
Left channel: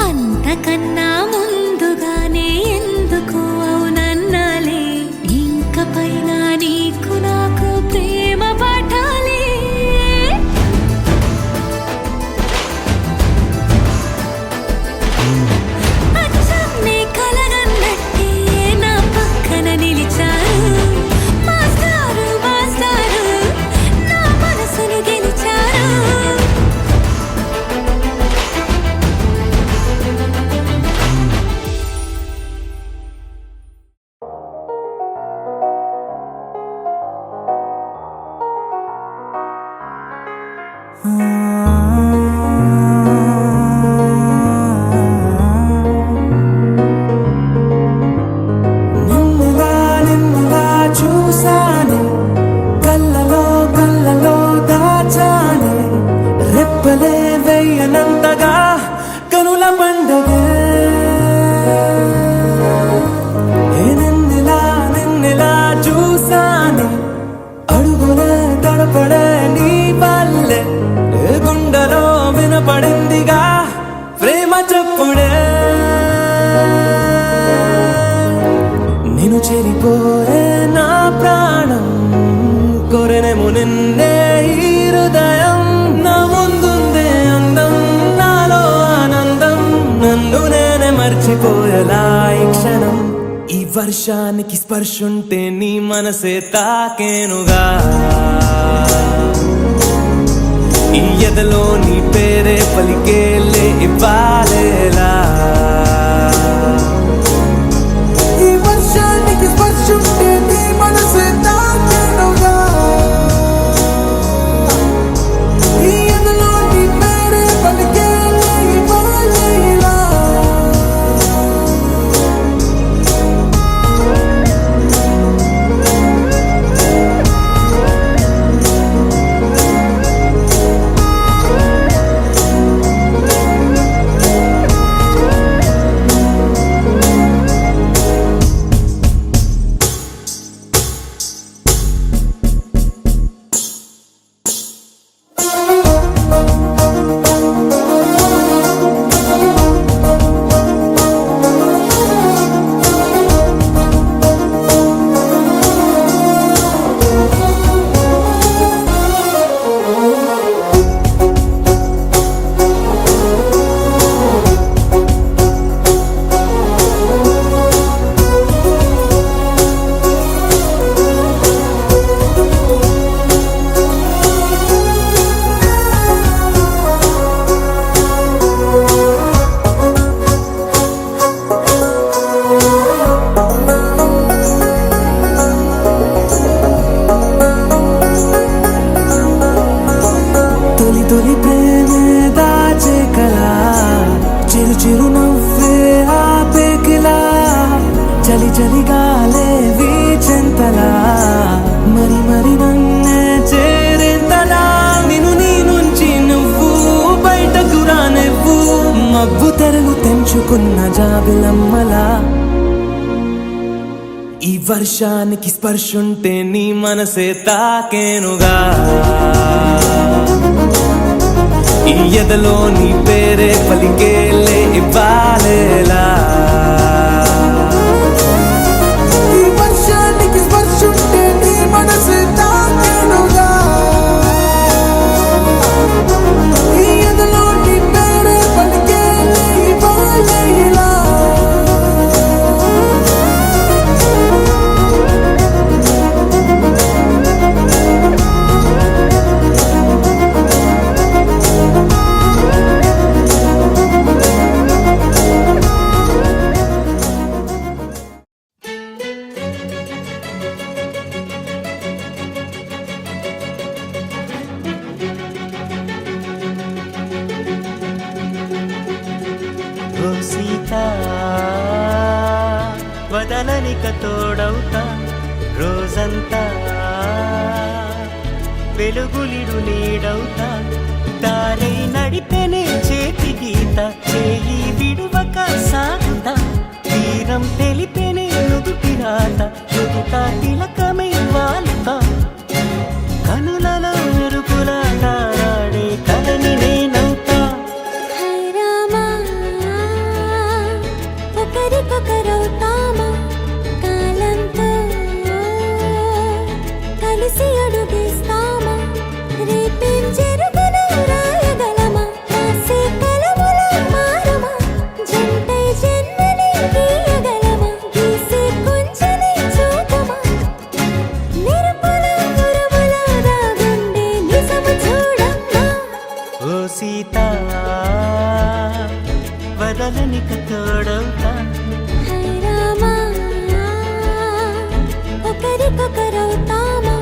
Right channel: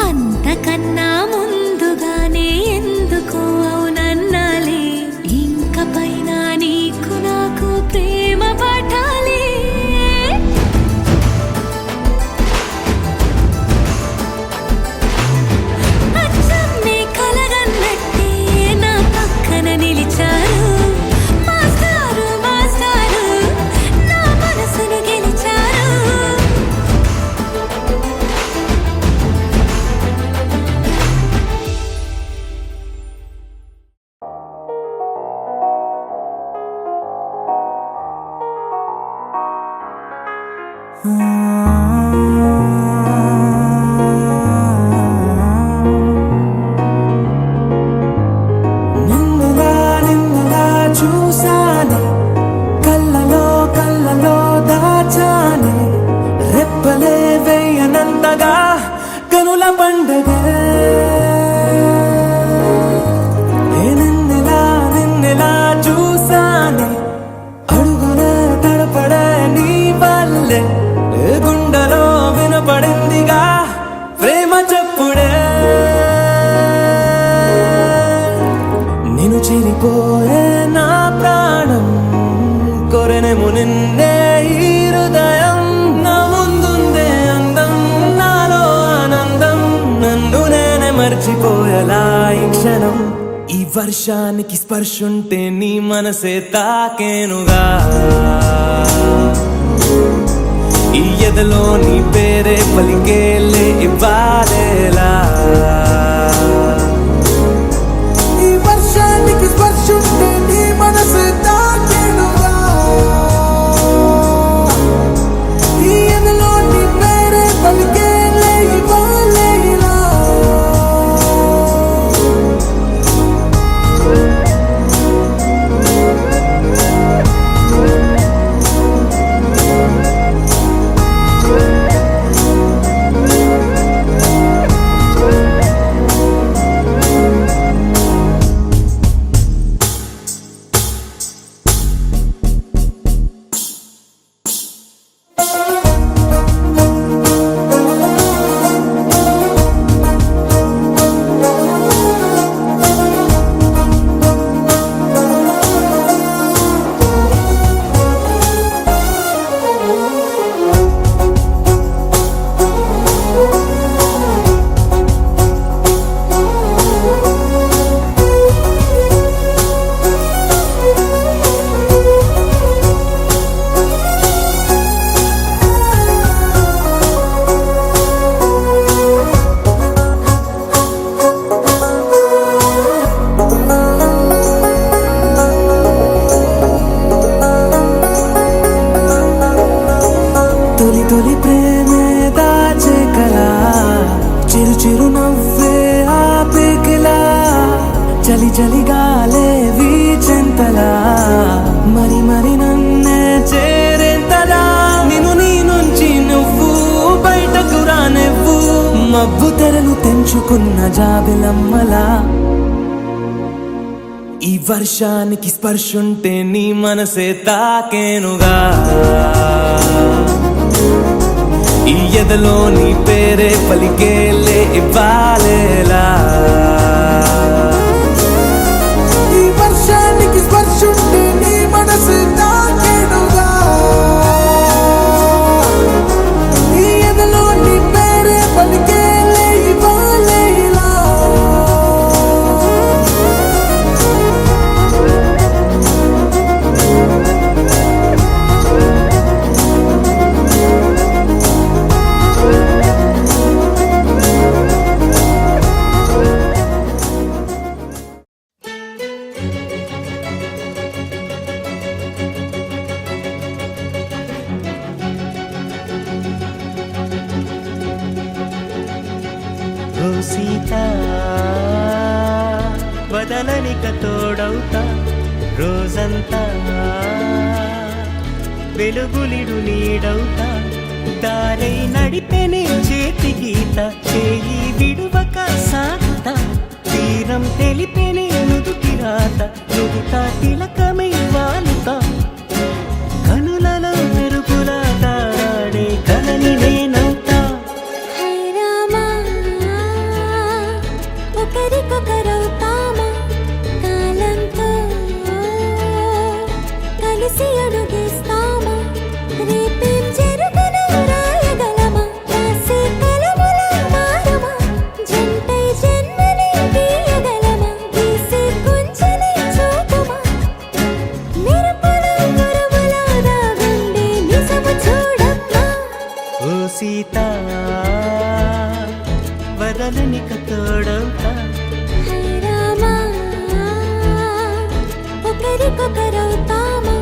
అంతకన్నా ముందుగానే ఎందుకు అవునన్నాలే ఇంక పైన నీకు నాకు ప్రేమ పాఠాలే అచ్చం నీ కలగన్నట్టే నా పక్కన నిలిచారు మాస్టారు మాస్టారు నా మనసును గెలిచారు నిన్నలా చూసానే కళ్ళలో దాచానే రెప్పలే వెయ్యనంతగా కనుల పండగే నిన్నలా చూసానే అడుగులే తడపడే నీ వల్లే గుండెలో వినపడిందిగా ప్రేమ చెప్పుడే నేను చెరిపోయే నా ప్రాణం కొరెనేమో నిన్నే ఈ హృదయం నా ముందుందే అందం నాలో ఆనందం నన్ను నేనే మర్చిపోయేలా ఈ క్షణం ఈ వర్షానికి స్పర్శుంటే నీ మనసే తాకేనుగా ఈ ఎదలో నీ పేరే పలికేలే ఇవ్వాలేలా ఈ వర్షానికి స్పర్శుంటే నీ మనసు తాకేనుగా ఈ ఎదలో నీ పేరే పలికేలే ఇవ్వాలేలా తొలి ప్రేమే దాచే కలా చిరు నవ్వే ఆపేకిలా చలి గాలే వీచెంతలా మరి నన్నే చేరేంతలా నిన్ను నీ నుంచి నువ్వు బయటకు రానివ్వు మబ్బు తెరలు తెంచుకున్న జాబిలమ్మలా ఈ వర్షానికి స్పర్శుంటే నీ మనసే తాకేనుగా ఈ ఎదలో నీ పేరే పలికేలే ఇవ్వాలేలా ఈ వర్షానికి స్పర్శుంటే నీ మనసు తాకేనుగా ఈ ఎదలో నీ పేరే పలికేలే ఇవ్వాలేలా ఓ సీత వదలనిక తోడవుతా రోజంతా వెలుగులిడు నీడవుతా దారై నడిపెనే చేతి గీత చేయి విడువక సాగుతా తీరం తెలిపెనే నుదుటి రాత నుదుట తిలకమై వాలుతా కనులలో మెరుపులా తారాడే కలని నేనవుతా హై రామా ఒకరికొకరవుతామా కాలంతో కలిసి అడుగేస్తామా రేపేం జరుగునో రాయగలమా రాసే కలములా మారుమా జంటై జన్మని గీయగలమా గీసే కుంచెని చూపుమా మెరుపుల మురుముల దాగుండే నిజము చూడమ్మా ఓ సీత వదలనిక తోడవుతా హై రామా ఒకరికొకరవుతామా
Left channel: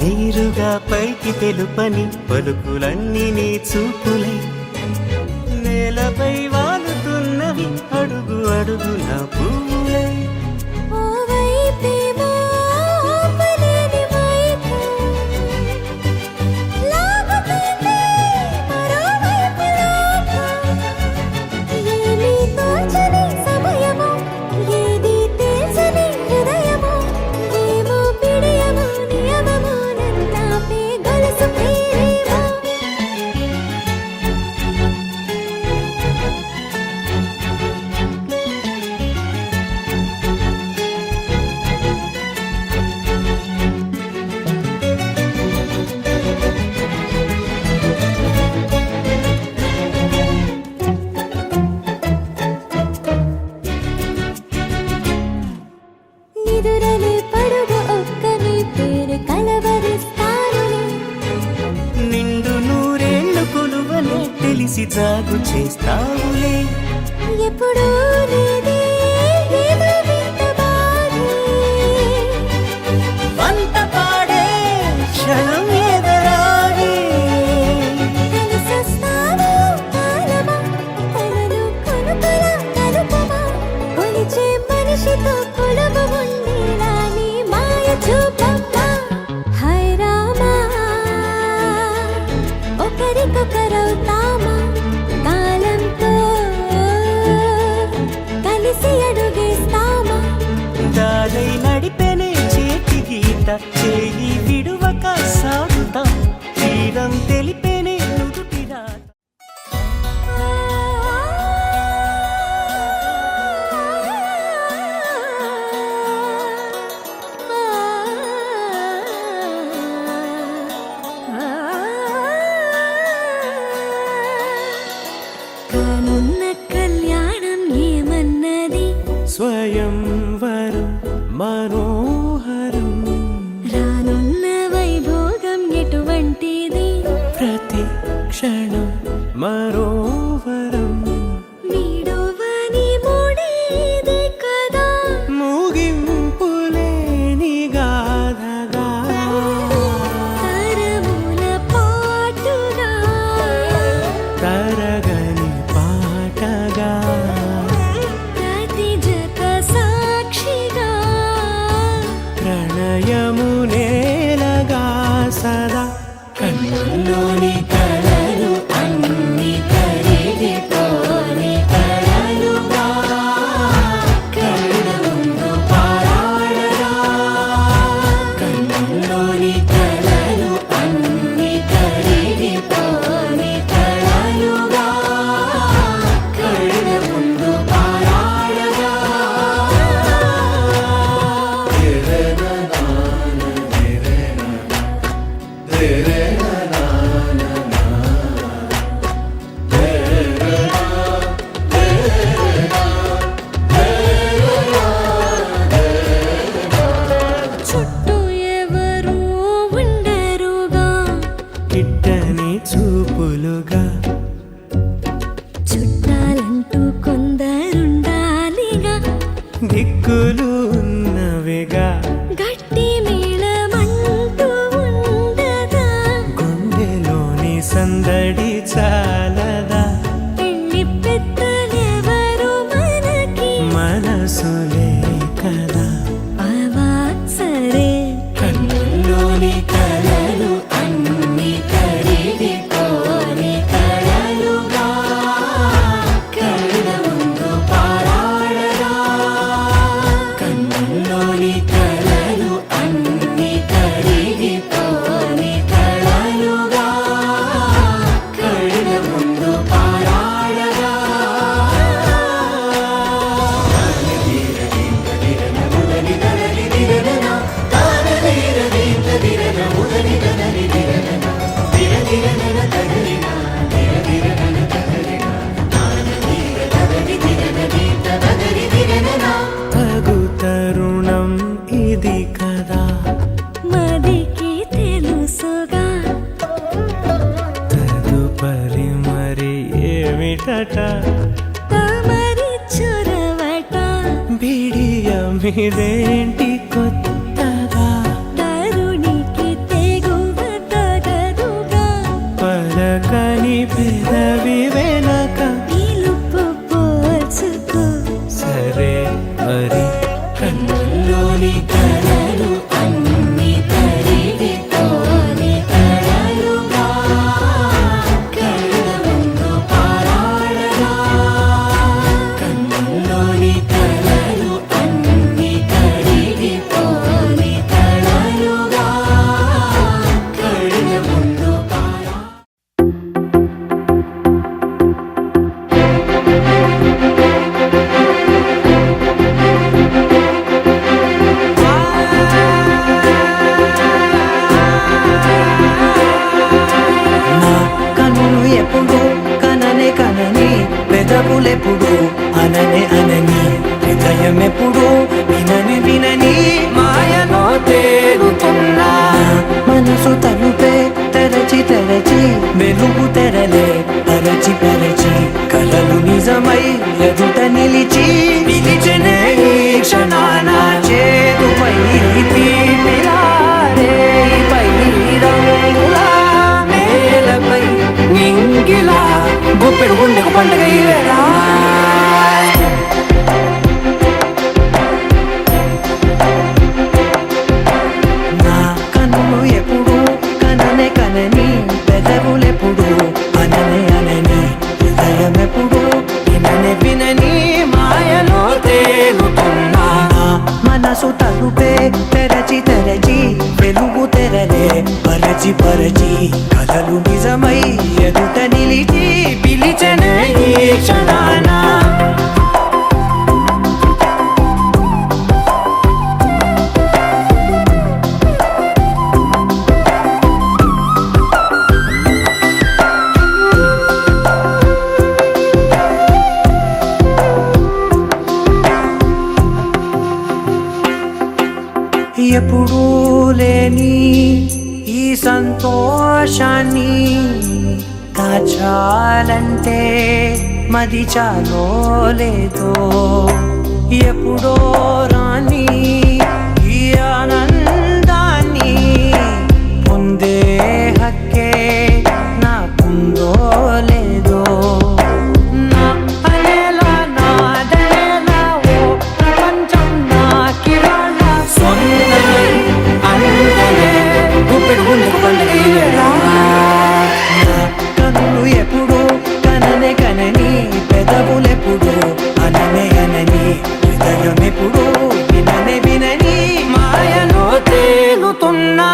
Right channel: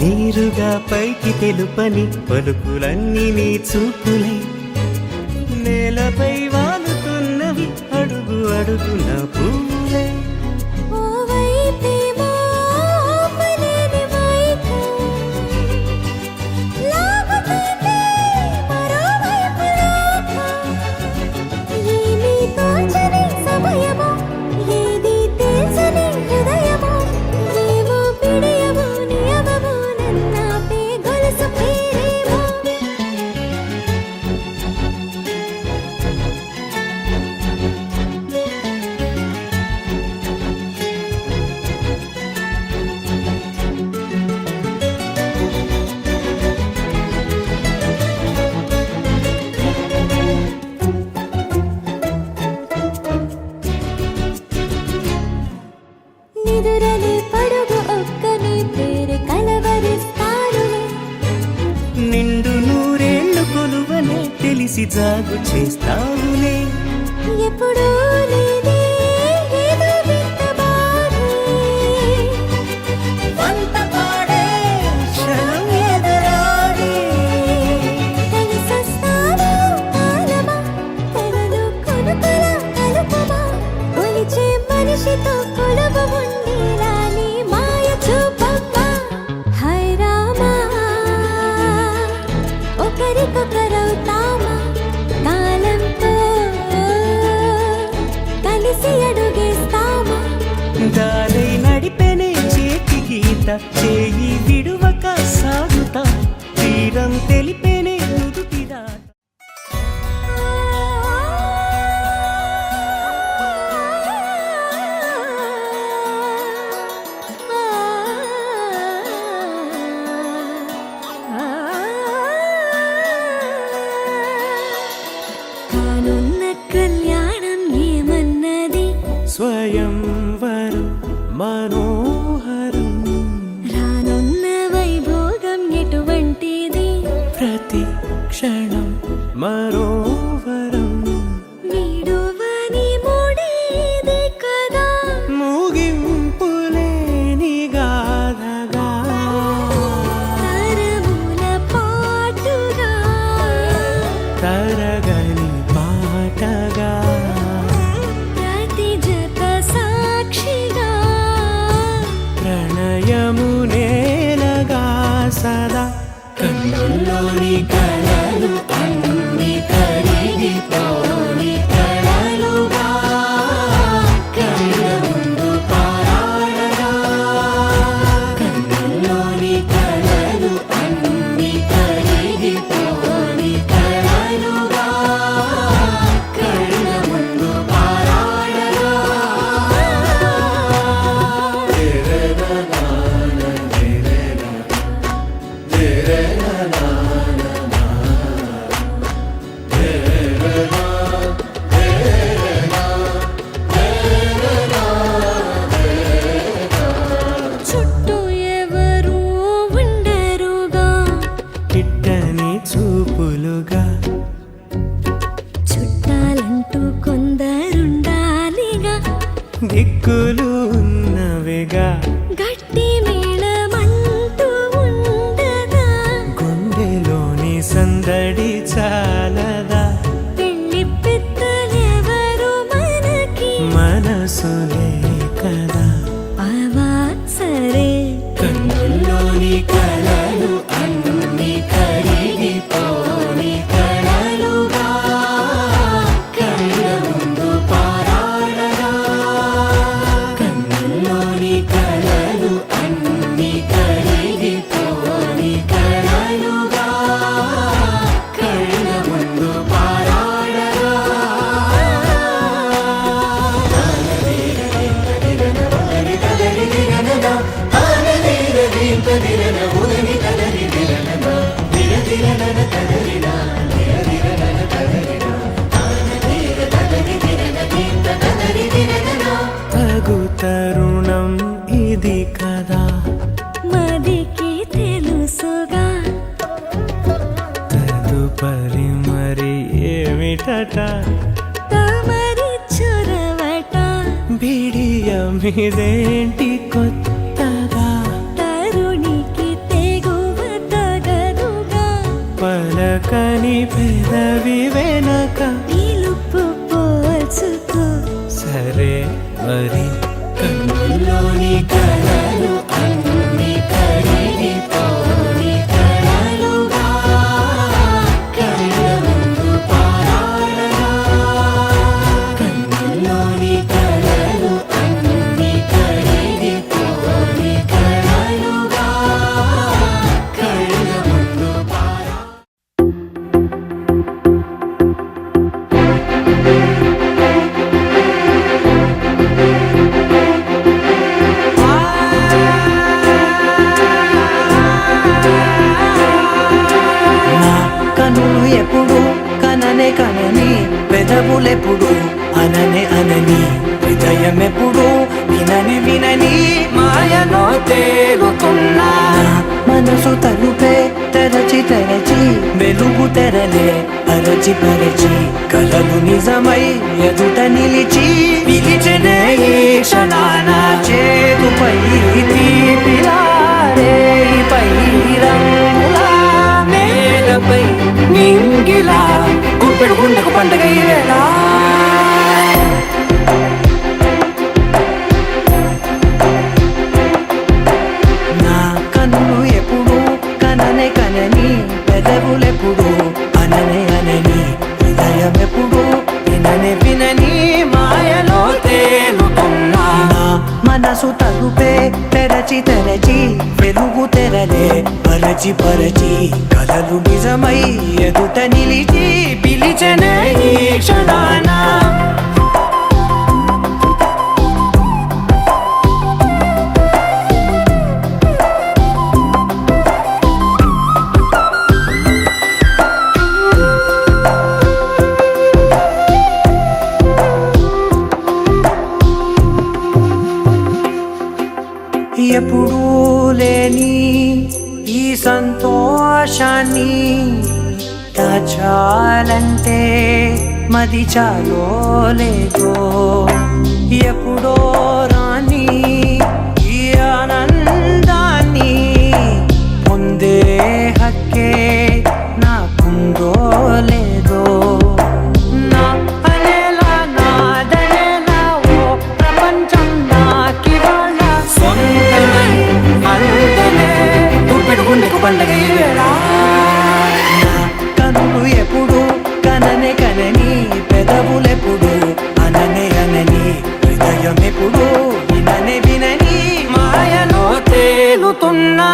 నీరుగా పైకి తెలుపని పలుకులన్నీ నీ చూపులై నేలపై వాలుతున్నవి అడుగు అడుగున పువ్వులై ఓ వైపేమో ఆపలేని మైకం లాగుతుంది మరోవైపు లోకం ఏమీ తోచని సమయమో ఏది తేల్చని హృదయమో ఏమో పిడియమో నియమమో నన్నాపే గొలుసు పేరేమో నిదురలే పడుగు ఒక్కని పేరు కలవరిస్తానులే నిండు నూరేళ్లు కొలువనే తెలిసి జాగు చేస్తావులే ఎప్పుడూ లేదే ఏదో వింత బాధే వంత పాడే క్షణం ఎదరాడే కలిసొస్తావో కాలమా కలలు కొనుకొల కలుపమా కొలిచే మనిషితో కొలువు ఉండేలా నీ మాయ చూపమ్మా హై రామా ఒకరికొకరవుతామా కాలంతో కలిసి అడుగేస్తామా దారై నడిపెనే చేతి గీత చేయి విడువక సాగుతా తీరం తెలిపెనే నుదుటి రాత కానున్న కళ్యాణం ఏమన్నది స్వయంవరం మనోహరం రానున్న వైభోగం ఎటువంటిది ప్రతి క్షణం మరోవరం వీడువని మూడే ప్రణయము నేలగా సదా కన్నుల్లోని కలలు అన్ని కరిగిపోని కలలుగా కళ్ళ ముందు పారాడగా కన్నుల్లోని కలలు అన్ని కరిగిపోని కలలుగా కళ్ళ ముందు పారాడగా చుట్టూ ఎవరు ఉండరుగా కిట్టని చూపులుగా చుట్టాలంటూ కొందరుండాలిగా దిక్కులు ఉన్నవిగా గట్టి మేళమంటూ ఉండదా గుండెలోని సందడి చాలదా పెళ్లి పెద్దలెవరు మనకి మనసులే కదా అవా సరే కన్నుల్లోని కలలు అన్ని కరిగిపోని కలలుగా కళ్ళ ముందు పారాడగా కన్నుల్లోని కలలు అన్ని కరిగిపోని కలలుగా కళ్ళ ముందు పారాడగా తగు తరుణం ఇది కదా మదికి తెలుసుగా తదుపరి మరి ఏమిటట తమరి చొరవట బిడియమిదేంటి కొత్తగా తరుణికి తెగువ తగదుగా పలకని పెదవి వెనక పిలుపు పోల్చుకో సరే మరి కన్నుల్లోని కలలు అన్ని కరిగిపోని కలలుగా కళ్ళ ముందు పారాడగా కన్నుల్లోని కలలు అన్ని కరిగిపోని కలలుగా కళ్ళ ముందు నా కనులు ఎప్పుడు కననే కనని పెదవులెప్పుడు అననే అనని హృదయం ఎప్పుడు వినని వినని మాయలో తేలుతున్నా నా మనసు తలుపే తెరచి తెరచి వెలుగు తెరలే పరచి పరచి కలలు నిజమై ఎదుట నిలిచి పిలిచెనే ఈ క్షణాన చేతుపై తీపిలారేపై రంగులా నేలపై నింగిలా గుప్పెడు గుండెకు పండుగ ఈ వేళ నా కన్నులు ఎప్పుడు కననే కనని పెదవులెప్పుడు అననే అనని హృదయం ఎప్పుడు విననే వినని మాయలో తేలుతున్నా నా మనసు తలుపే తెరచి తెరచి వెలుగు తెరలే పరచి పరచి కలలు నిజమై ఎదుట నిలిచి పిలిచెనే ఈ క్షణాన ఎప్పుడూ లేని ఈ సంతోషాన్ని దాచాలంటే మది చాలో లేదో ఎప్పుడో రాని ఈ ఆనందాన్ని పొందే హక్కే నాకుందో లేదో నా అనేలా నాదనేలా ఓ ప్రపంచం నాకివాళ సొంతమై వేళ నా కనులు ఎప్పుడు కననే కనని పెదవులెప్పుడు అననే అనని హృదయం ఎప్పుడు విననే వినని మాయలో తేలుతున్నా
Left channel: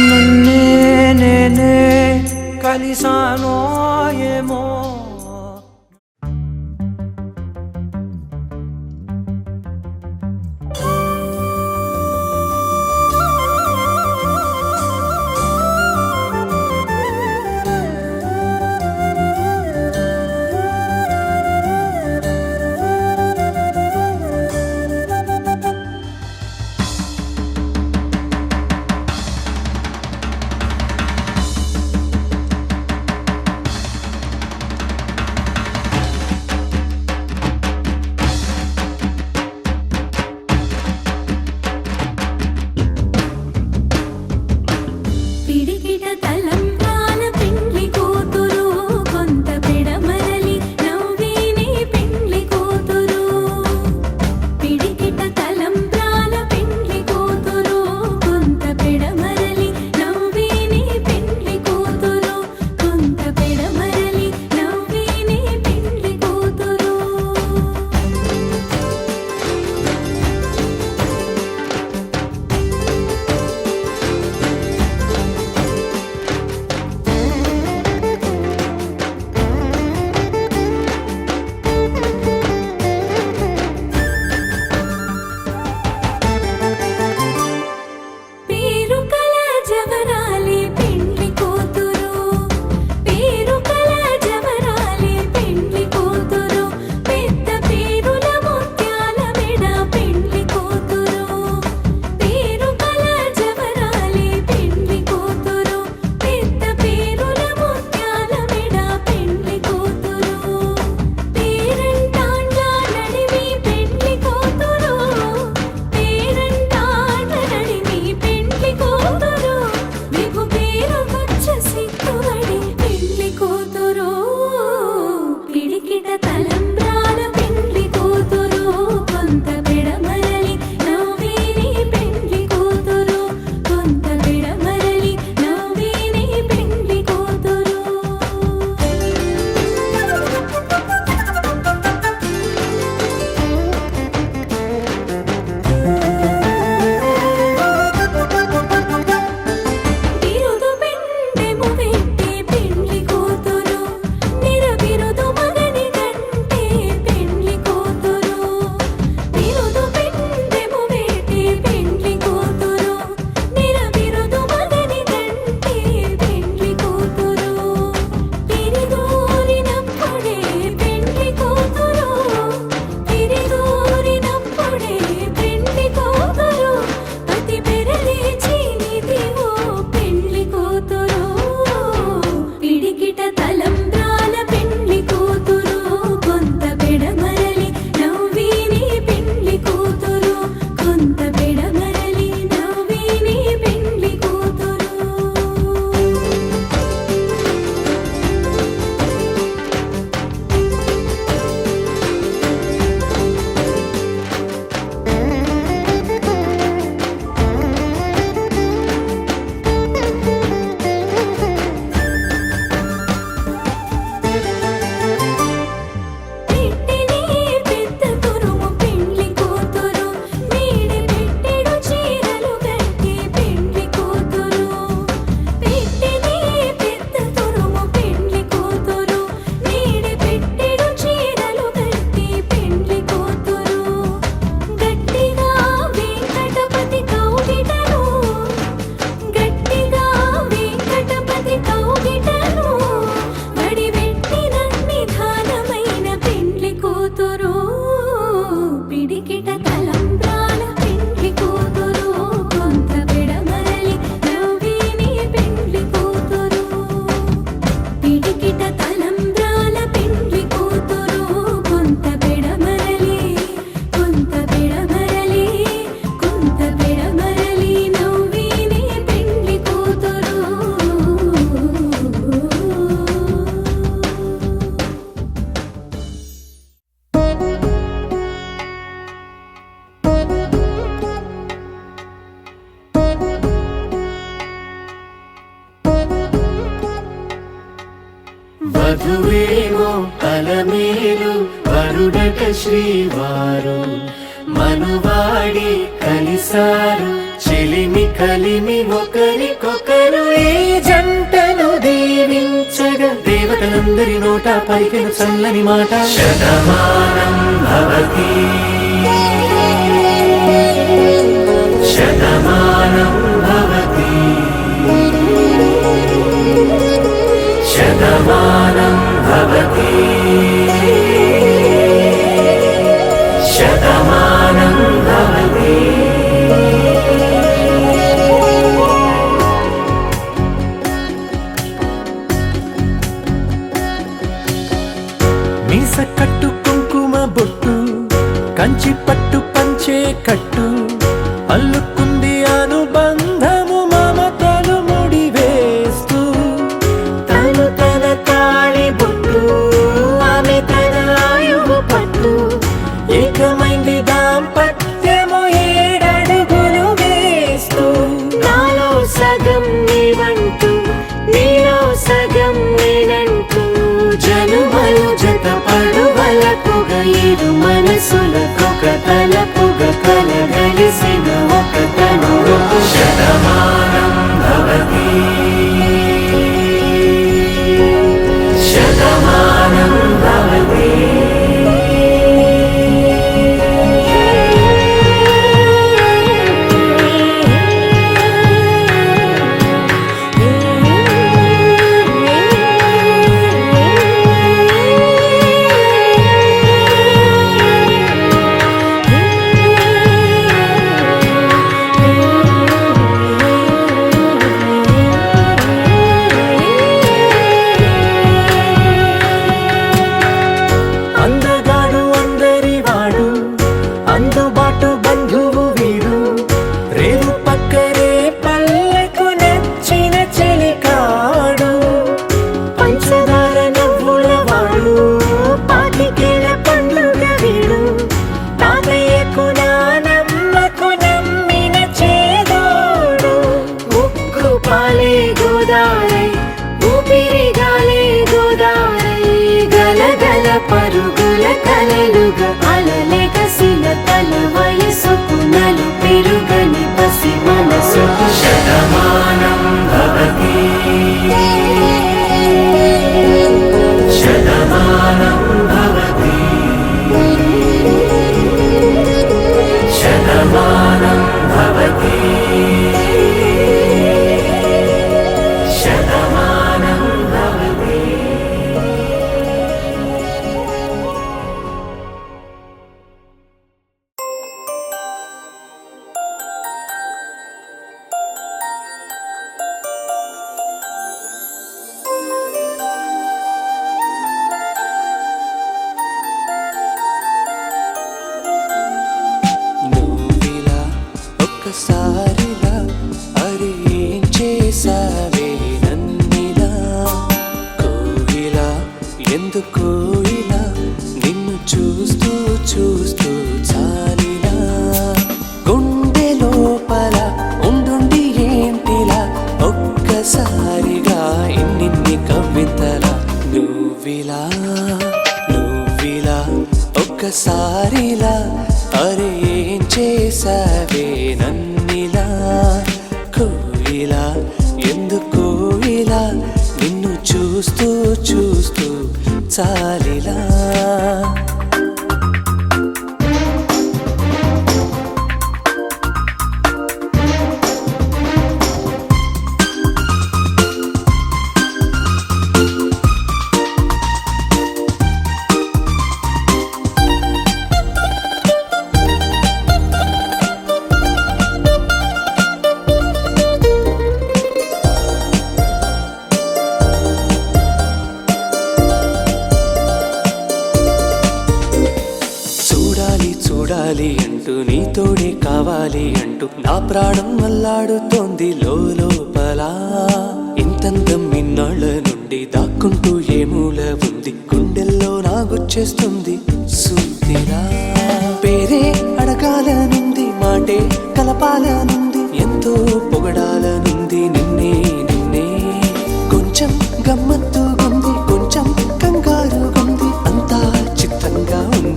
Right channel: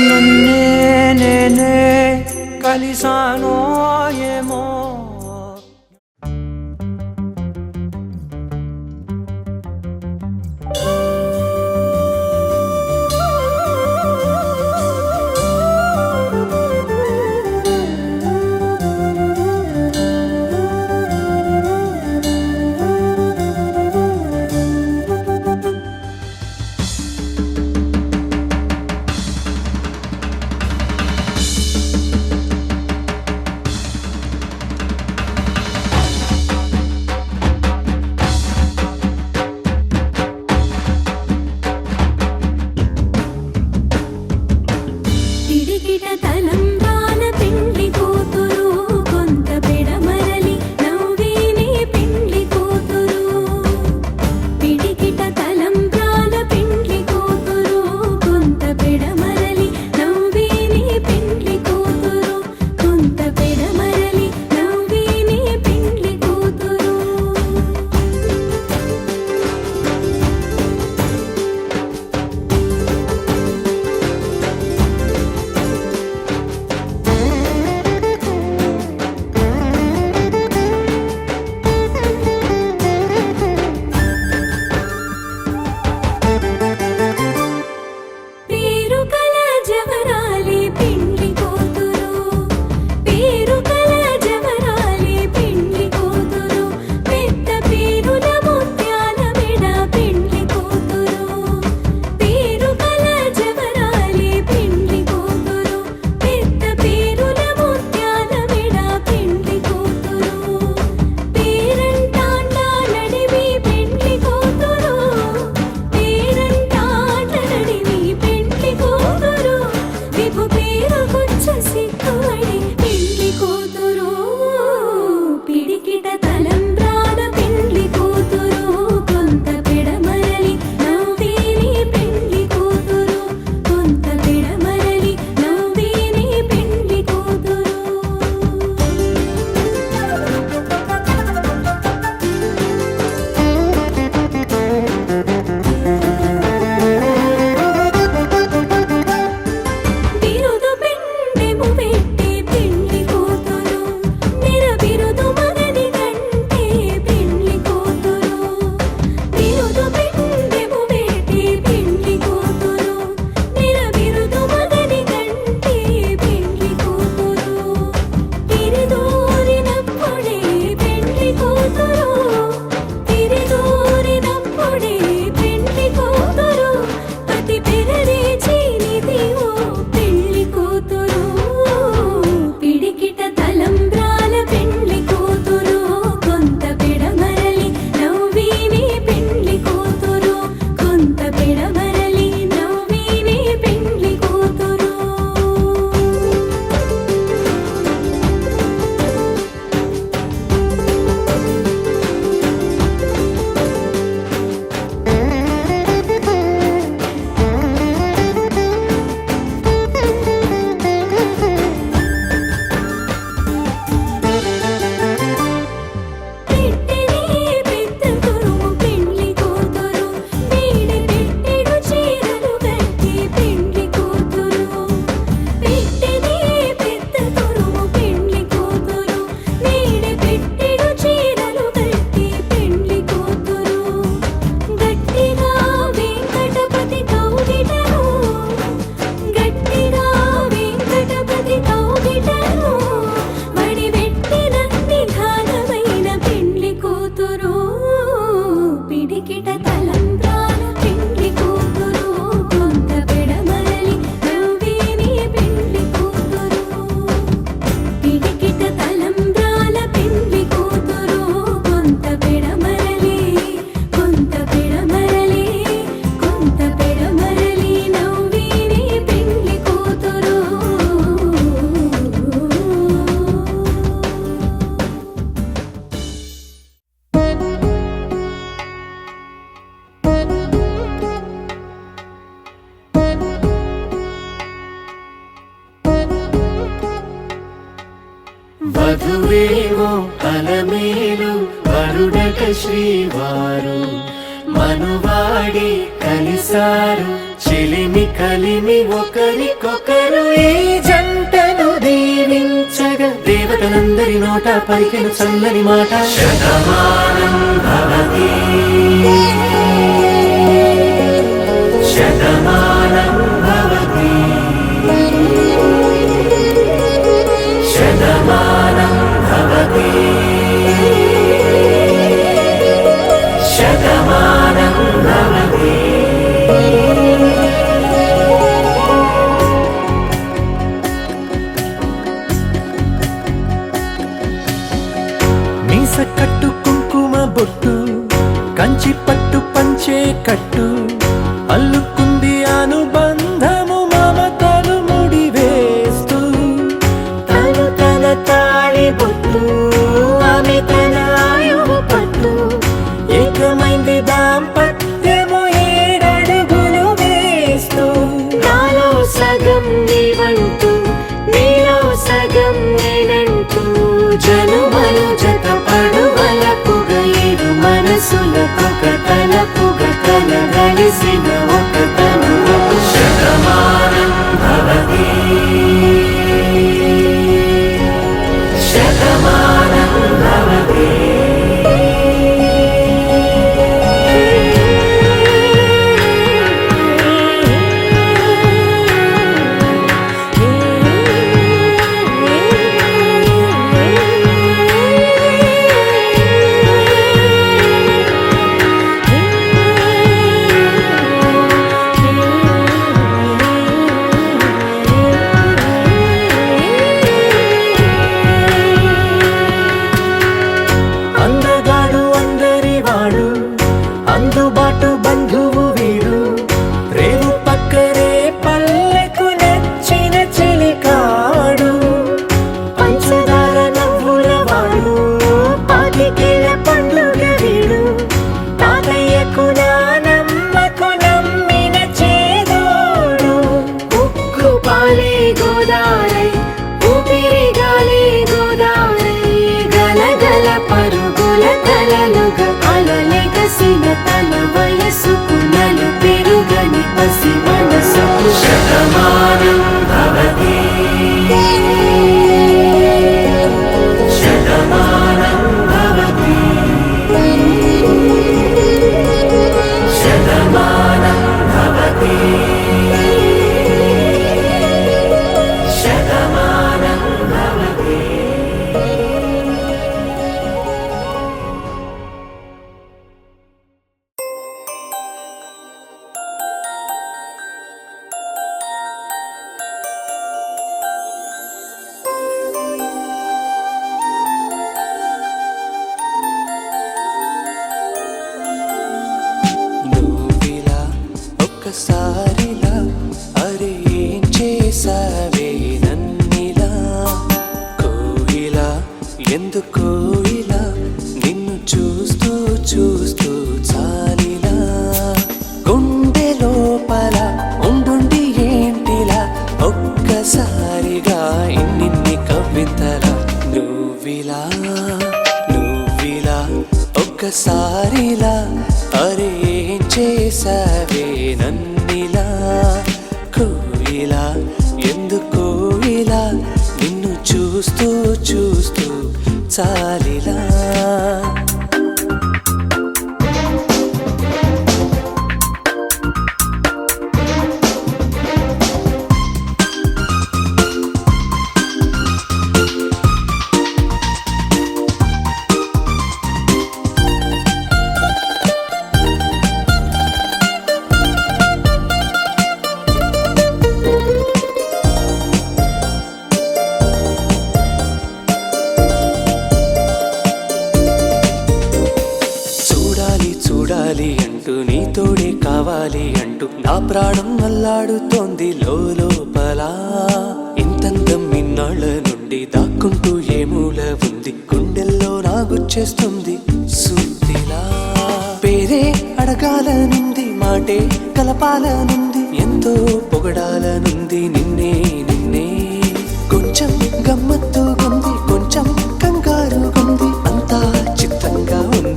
నన్నే నేనే కలిసానో ఏమో వధువేమో అలమేలు వరుడట శ్రీవారు మనువాడి కలిసారు చెలిమి కలిమి ఒకరికొకరు ఈ జంటను దీవించగా దేవతలందరి నోట పలికిన చల్లని మాట శతమానం భవతి శతమానం భవతి శతమానం భవతి శతమానం భవతి. మీస కట్టు కుంకుమ బొట్టు కంచి పట్టు పంచే కట్టు అల్లుకుంది అనుబంధము మమతలు ముడివేస్తూ తను తన తాళి బొట్టు ఆమె తన ఆయువు పట్టు ఏకమైంది దాంపత్యము 7 అడుగులు వేస్తూ నాలో సగం నీవంటూ నీలో సగం నేనంటూ జనుమలు జత పడువలపుగ ఇరు మనసులకొక తలపుగ కలగలిసిన ఒక తను ఒక శతమానం భవతి శతమానం భవతి. అందగాడు అందరివాడు అందుబాటు బంధువు వీడు రేవు పక్కరే పల్లెకు నచ్చిన చెలికాడు పంచదార నవ్వుల వాడు పాతికేల పండుగ వీడు తాతయ్యకు నానమ్మకు నమ్మిన చేదోడు ఉక్కు పాలే గోదారై ఊపిరి గాలే గోదారై గలగల పరుగుల కలలుగా అలలెగసిన తన వయసుకు నలు పెరుగని పసి మనసుకు శతమానం భవతి శతమానం భవతి శతమానం భవతి శతమానం భవతి. నువ్విలా ఒక్కసారిలా అరే ఏం చేసావే నన్నిలా కోయిలా ఎందుకో ఇలా నిన్ను చూస్తూ చూస్తూ చాలిలా గుండె లోపల ఉండుండి ఏంటిలా ఒక్కసారిగా ఇన్నిన్ని కవితలా నువ్విలా ఒక్కసారిలా అరే ఏం చేసావే నన్నిలా కోయిలా ఎందుకో ఇలా నిన్ను చూస్తూ చూస్తూ చాలిలా చూడాలి అంటూ నీతోడే కావాలి అంటూ నా ప్రాణం అల్లాడుతోంది లోపల ఇంతంతం ఇన్నాళ్ళ నుండి దాక్కుంటూ ఏ మూల ఉంది గుండెల్లో నాగుచ్చేస్తుంది సూదిలా పేరే అడగాలనుంది మాటే కలపాలనుంది ఎంతో పొగడాలనుంది నిన్నే కొంచెం గమ్మత్తుగుంది కొంచెం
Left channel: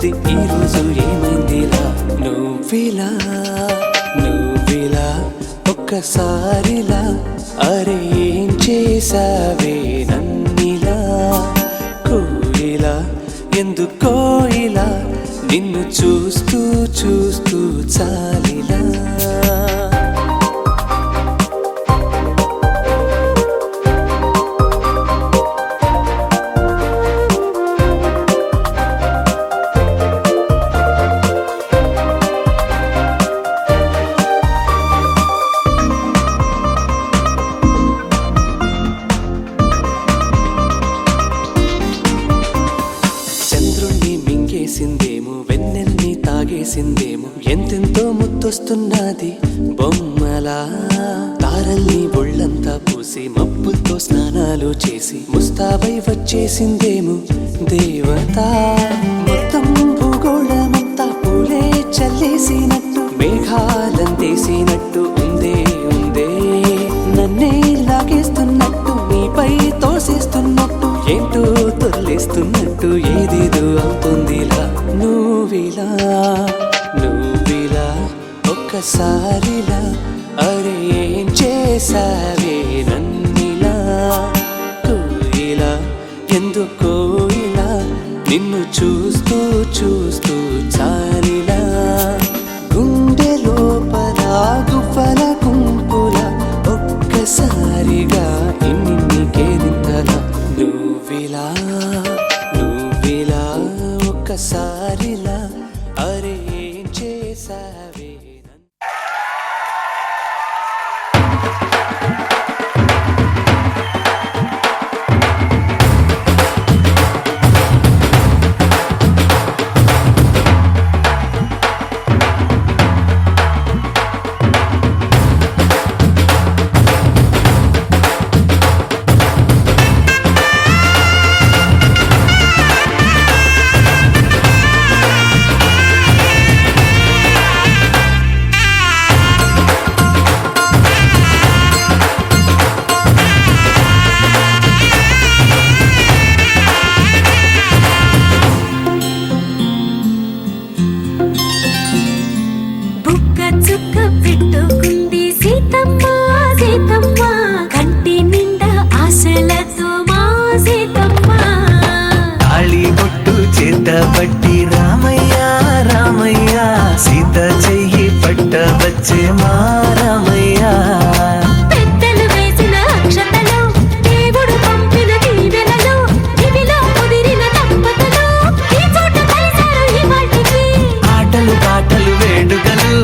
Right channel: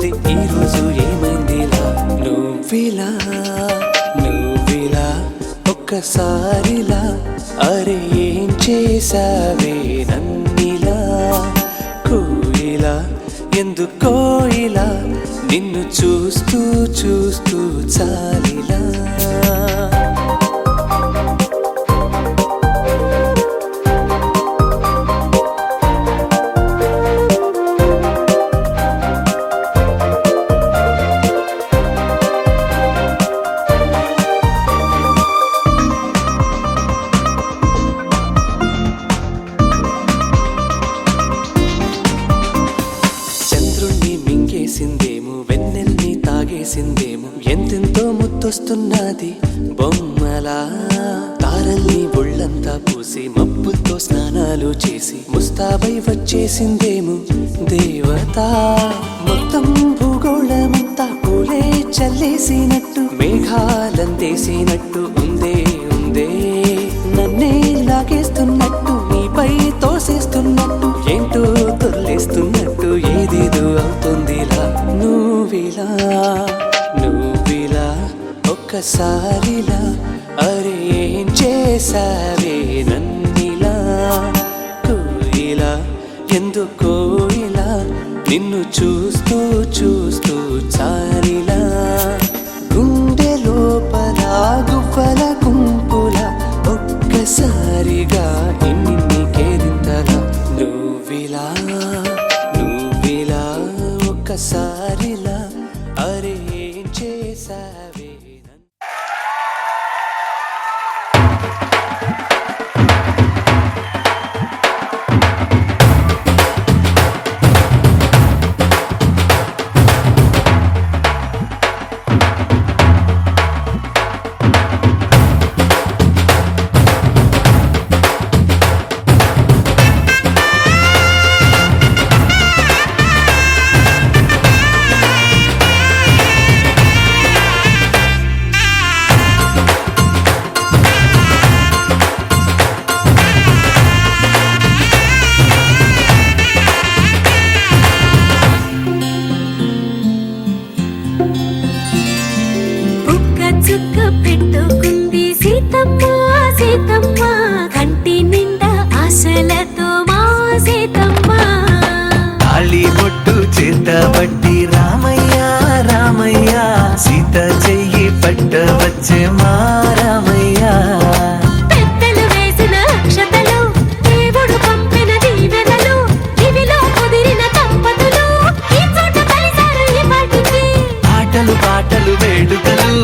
ఉంది ఈ రోజు ఏమైందిలా నువ్విలా ఒక్కసారిలా అరే ఏం చేసావే నన్నిలా కోయిలా ఎందుకో ఇలా నిన్ను చూస్తూ చూస్తూ చాలిలా చంద్రుణ్ణి మింగేసిందేమో వెన్నెల్ని తాగేసిందేమో ఎంతెంతో ముద్దొస్తున్నది బొమ్మలా తారల్ని ఒళ్ళంతా పూసి మబ్బులతో స్నానాలు చేసి ముస్తాబై వచ్చేసిందేమో దేవత మొత్తం భూగోళమంతా పూలే చల్లేసినట్టు మేఘాలందేసినట్టు ఉందే నన్నే లాగేస్తున్నట్టు నీపై తోసేస్తున్నట్టు ఏంటో తొల్లేస్తున్నట్టు ఏదేదో అవుతుందిలా నువ్విలా ఒక్కసారిలా అరే ఏం చేసావే నన్నిలా కోయిలా ఎందుకో ఇలా నిన్ను చూస్తూ చూస్తూ చాలిలా గుండె లోపల గువ్వల గుంపుల ఒక్కసారిగా ఇన్ని కేరింతల నువ్విలా ఒక్కసారిలా అరే ఏం చేసావే చుక్క పెట్టుకుంది సీతమ్మ కంటి నిండా ఆశలతో మా సీతమ్మ తాళి బొట్టు చేతబట్టి రామయ్య సీత చెయ్యి పట్ట వచ్చే మా రామయ్య పెద్దలు వేసిన అక్షతలు దేవుడు పంపిన దీవెనలు ఇవిలో కుదిరిన దంపతులు ఈ చోట కలిసారు ఈ వాటికి ఆటలు పాటలు వేడుకలు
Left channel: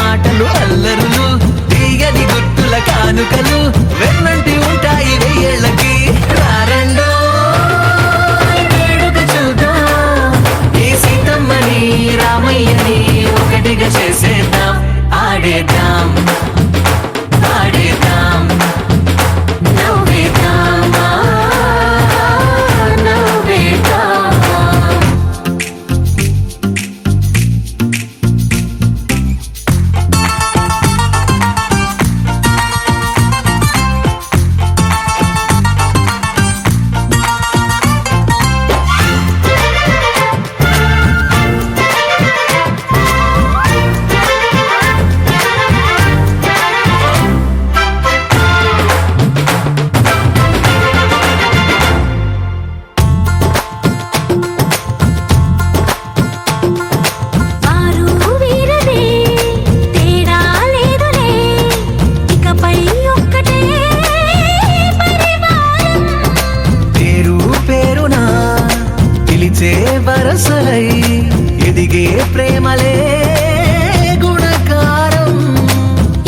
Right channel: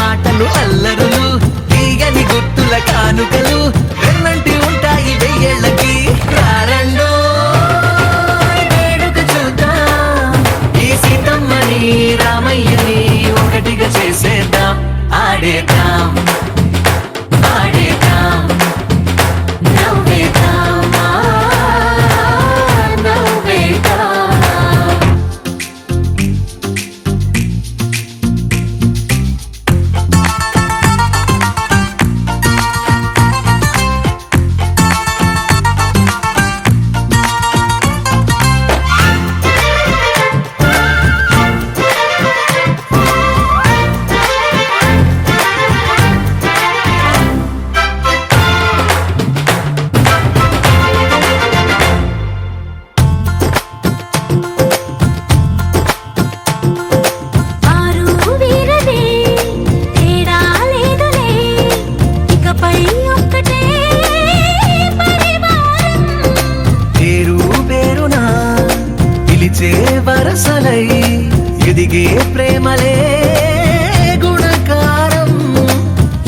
మాటలు అల్లరులు తీయని గుర్తుల కానుకలు వెన్నంటి ఉంటాయి వెయ్యేళ్ళకి రారండో వేడుక చూద్దాం ఈ సీతమ్మని రామయ్యని ఒకటిగా చేసేద్దాం ఆడేద్దాం నవ్వేద్దాం వరసలై ఎదిగే ప్రేమలే గుణకారం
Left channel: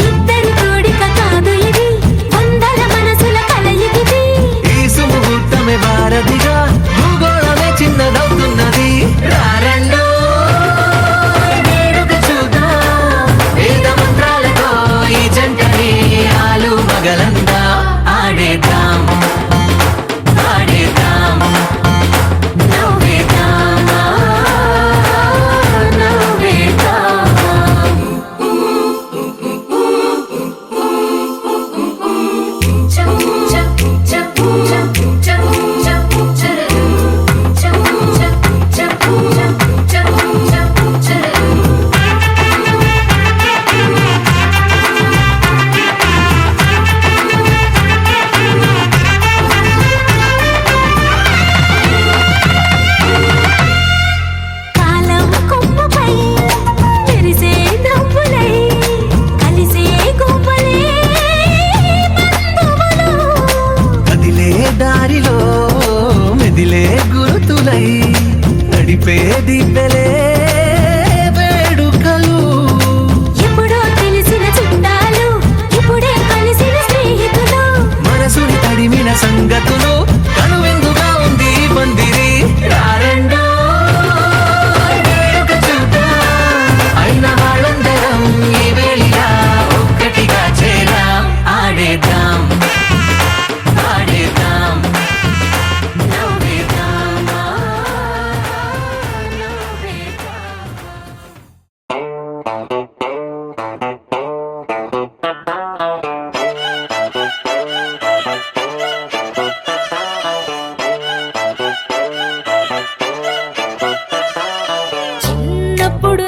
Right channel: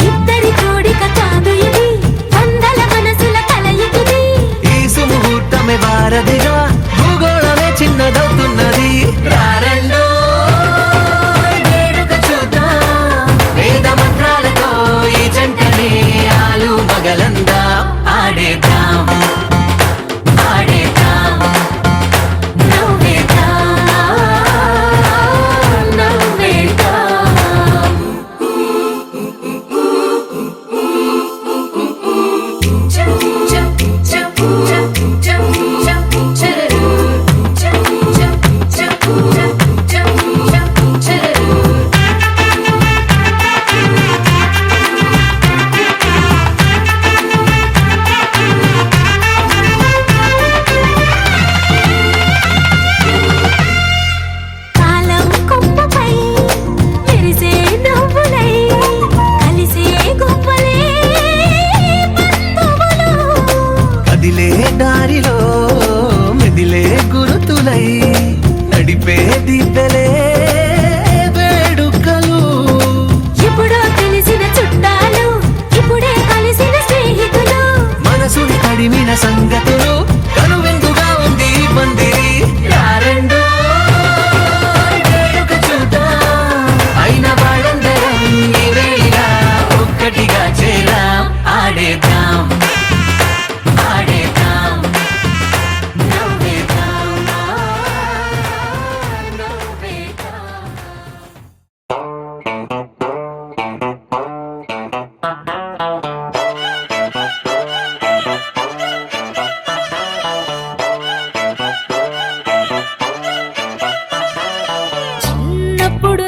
ఇద్దరి కోడిక కాదు ఇది వందల మనసుల కలయికిది ఈ సుముహూర్తమే వారధిగా భూగోళమే చిన్నదవుతున్నది రారండో వేడుక చూద్దాం వేద మంత్రాలతో ఈ జంటని ఆలు మగలందా ఆడేద్దాం cha cha cha cha cha cha cha cha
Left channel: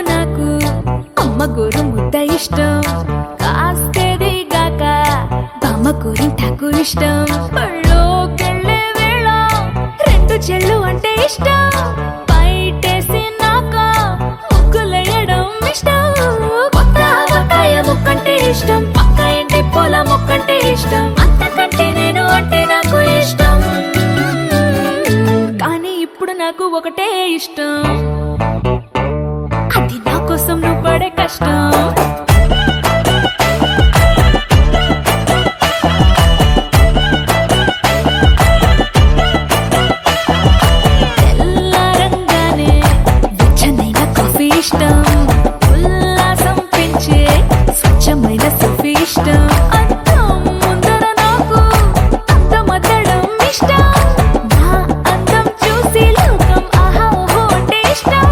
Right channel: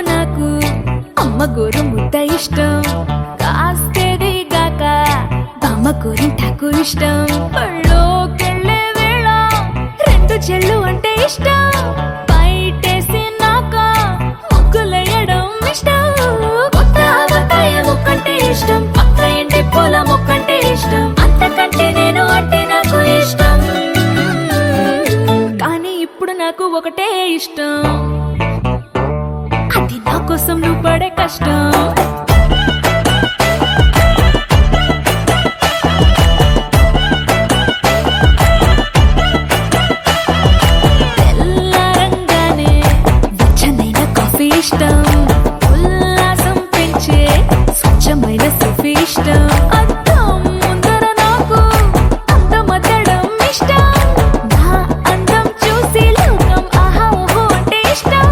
నాకు అమ్మ గోరు ముద్ద ఇష్టం, కాస్తేది గాక బామ్మ గోరింటాకు ఇష్టం. పళ్ళోకెళ్ళే వేళ రెండు చెళ్ళు అంటే ఇష్టం, బయటేసి నాక ముగ్గులేయడం ఇష్టం. కొత్త ఆవకాయ ముక్కంటే ఇష్టం, పక్క ఇంటి పూల మొక్కంటే ఇష్టం, అంతకంటే నేను అంటే నాకు ఇష్టం. కానీ ఇప్పుడు నాకు ఒకటే ఇష్టం, అది నా కోసం నువ్వు పడే కష్టం. తెల్లారంగానే వెచ్చనైన కాఫీ ఇష్టం, ఉల్లాసం పెంచే స్వచ్ఛమైన సూఫీ ఇష్టం. అద్దం ముందర నాకు అందమద్దడం ఇష్టం, నా అందం చూసి లోకం ఆహా ఓహో అంటే ఇష్టం.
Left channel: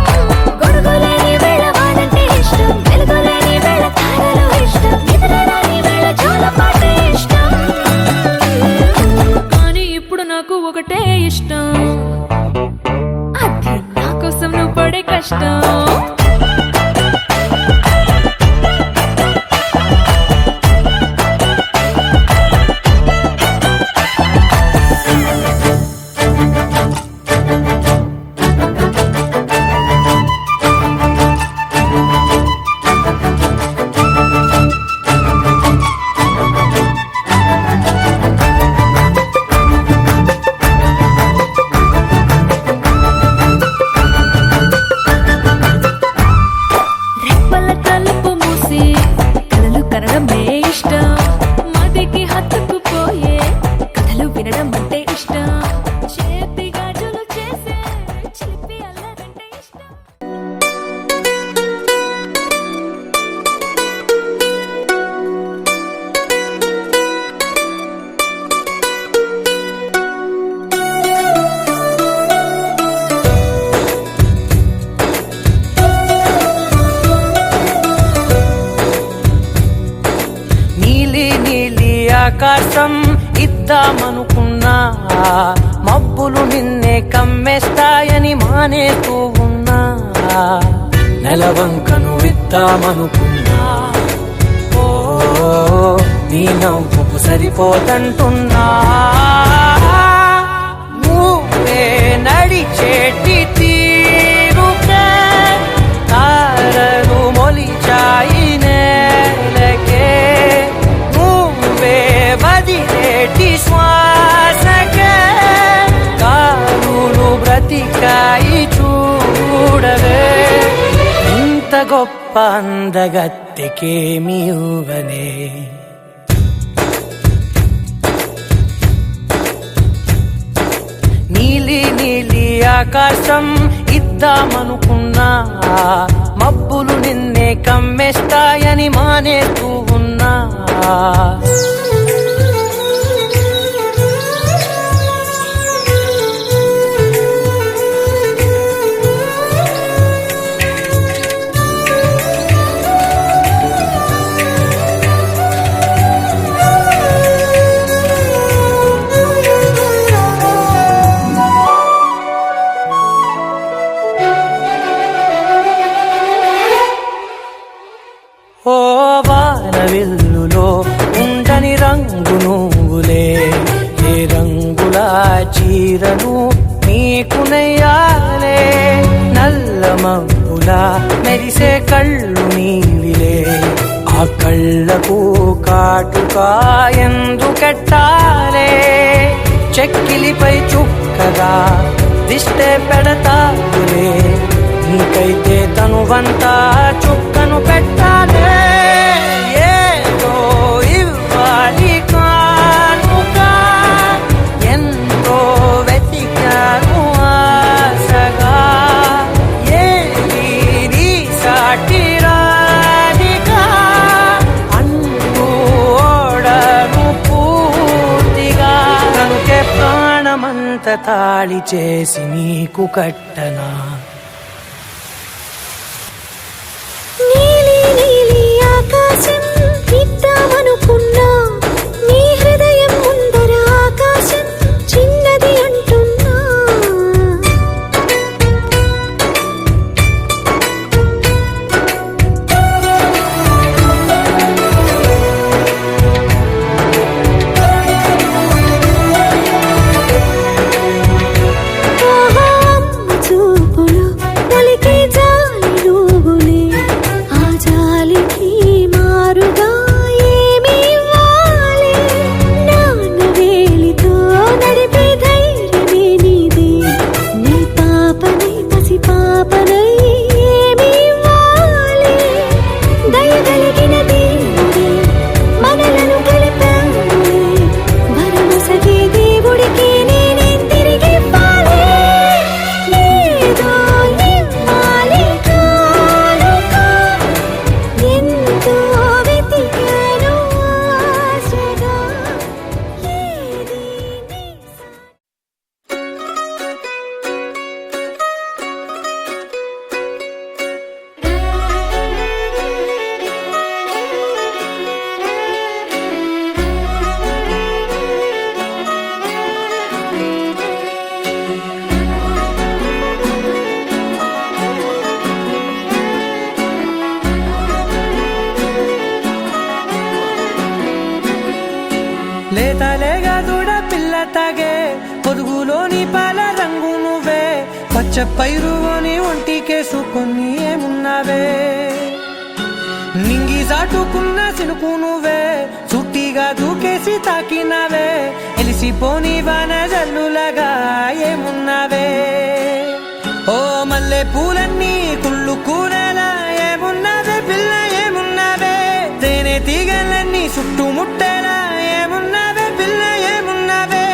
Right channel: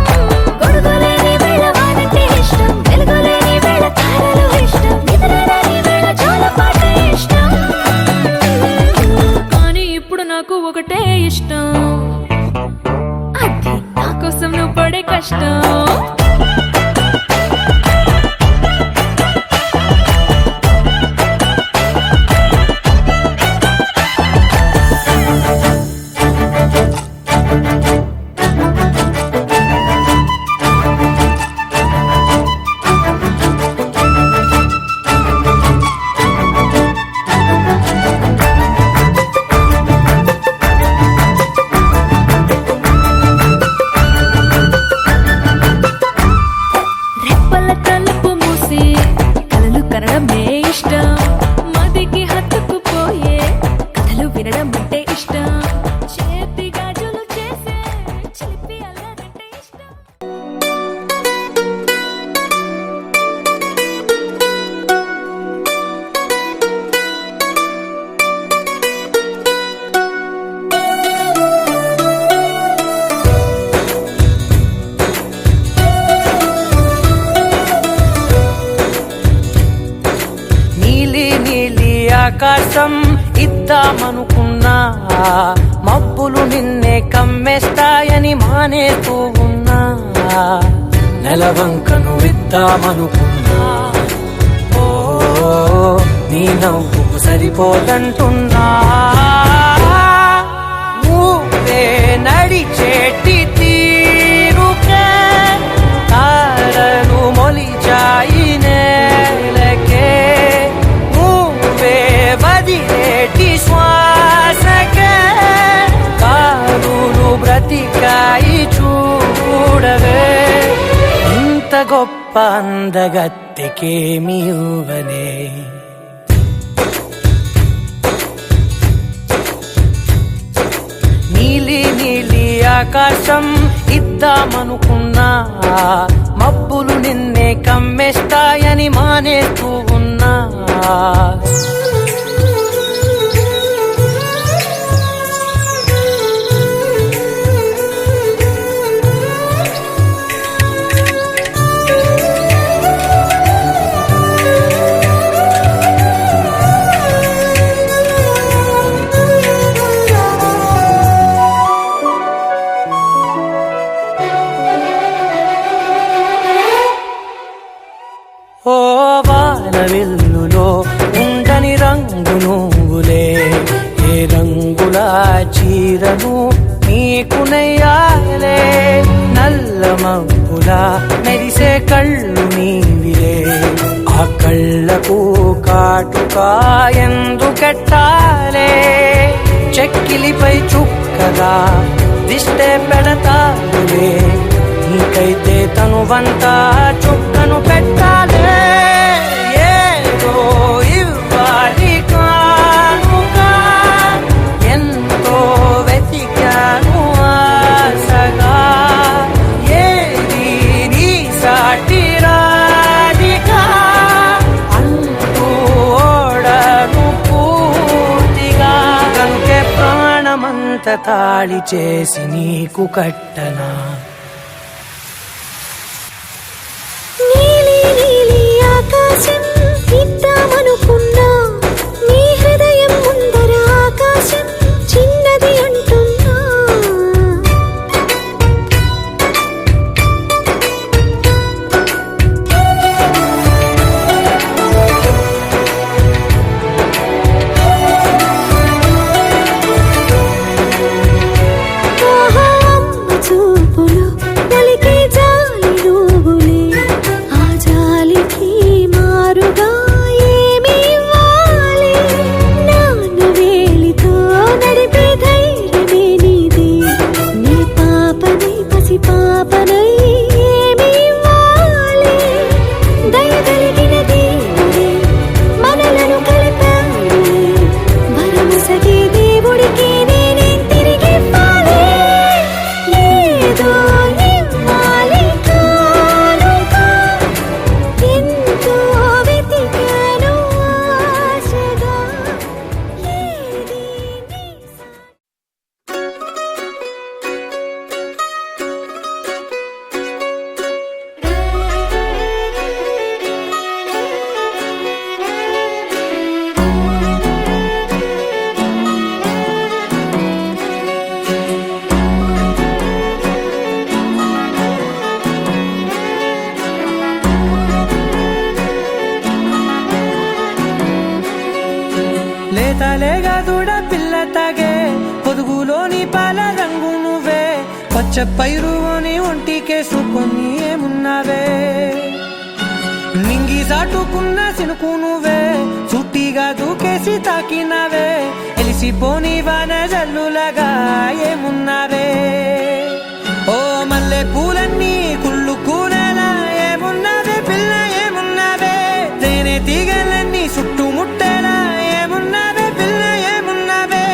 గొడుగులేని వేళ వానంటే ఇష్టం, వెలుగులేని వేళ తారలు ఇష్టం, నిద్రరాని వేళ జోలపాట ఇష్టం. కానీ ఇప్పుడు నాకు ఒకటే ఇష్టం, అది నా కోసం నువ్వు పడే కష్టం. రెప్పల తలుపు మూసి కలలు కనడమే ఇష్టం, మదికి హత్తుకుపోయే కథలు వినడం అంటే ఇష్టం, చేతి గాజులు చేసే చిలిపి అల్లరంటే ఇష్టం. నీలి నీలి ఆకాశం ఇద్దామనుకున్నా, మబ్బులు నిన్నే కమ్మేస్తాయని మానేస్తూ ఉన్నా. నెలవంకను ఇద్దామనుకున్నా, ఓ నీ నవ్వుకు సరిపోదంటున్నా. నువ్వే నడిచేటి తీరుకే తారలు మొలిచాయి నేలకే, నువ్వే వదిలేటి శ్వాసకే కారులు బ్రతికాయి చూడవే. ఇంత గొప్ప అందగత్తెకేమి ఇవ్వనే, నీలి నీలి ఆకాశం ఇద్దామనుకున్నా, మబ్బులు నిన్నే కమ్మేస్తాయని మానేస్తూ ఉన్నా. ఓ వానవిల్లులో ఉండని రంగు నువ్వులే, ఏ రంగుల చీరను నీకు నెయ్యాలే. నల్ల మబ్బులా మెరిసే కళ్ళు నీవిలే, ఆ కళ్ళకు కాటుకా ఎందుకెట్టాలే. చెక్కిలిపై చుక్కగా దిష్టే పెడతారులే, నీకైతే తనువంతా చుక్కను పెట్టాలే. ఏదో ఇవ్వాలి కానుక, ఎంతో వెతికాను ఆశగా, ఏది నీ సాటి రాధికా అంటూ ఓడను పూర్తిగా. కనుకే ప్రాణమంత తాళి చేసి నీకు కట్టనా. నీలి నీలి ఆకాశం ఇద్దామనుకున్నా, నీ హృదయం ముందర ఆకాశం చిన్నది అంటున్నా. లేతలేగా దూడ పిల్ల తాగే పొదుగులోని పాల రంగు నువ్వే పచ్చ పైరుని ఒంటికేసుకొని ఏమున్నావే నింగి సాటుకున్న సినుకు నువ్వే చుట్టిగా దూకేసి తాకినావే ఎలిసిపోని వాన జల్లులగా ఏమున్నావే ఓ మల్లె పూలన్నీ కుళ్ళు కూరలా ఏమున్నావే పిల్ల ఏమున్నావే తేనె తీగలన్నీ చుట్టుముట్టేలా ఏమున్నావే పిల్ల ఏమున్నావే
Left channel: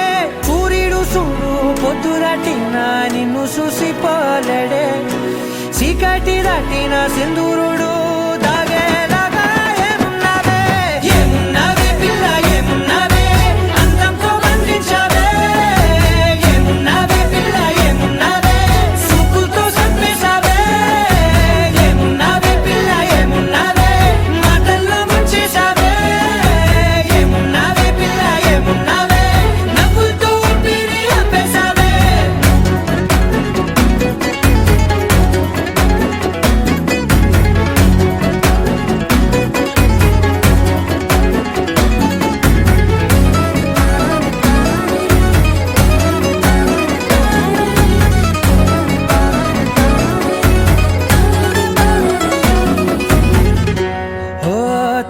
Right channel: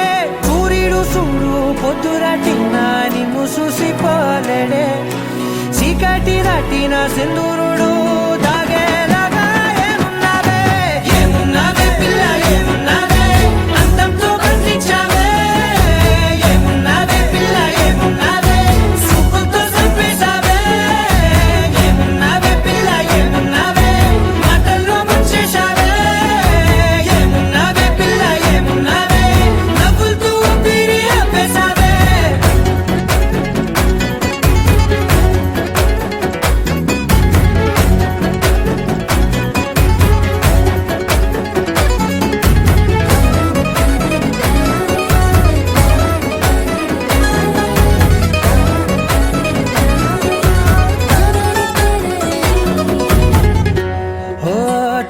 సూర్యుడు చూడు పొద్దురాటిన నిన్ను చూసిపోలేడే చీకటి దాటిన సింధూరుడు దాగేలాగా ఏమున్నావే ఏమున్నావే పిల్ల ఏమున్నావే అందంతో కనిపించావే ఏమున్నావే పిల్ల ఏమున్నావే సుక్కుతో చంపేశావే ఏమున్నావే పిల్ల ఏమున్నావే మాటల్లో ముంచేశావే ఏమున్నావే పిల్ల ఏమున్నావే నవ్వులతో ఊపిరి ఆపేశావే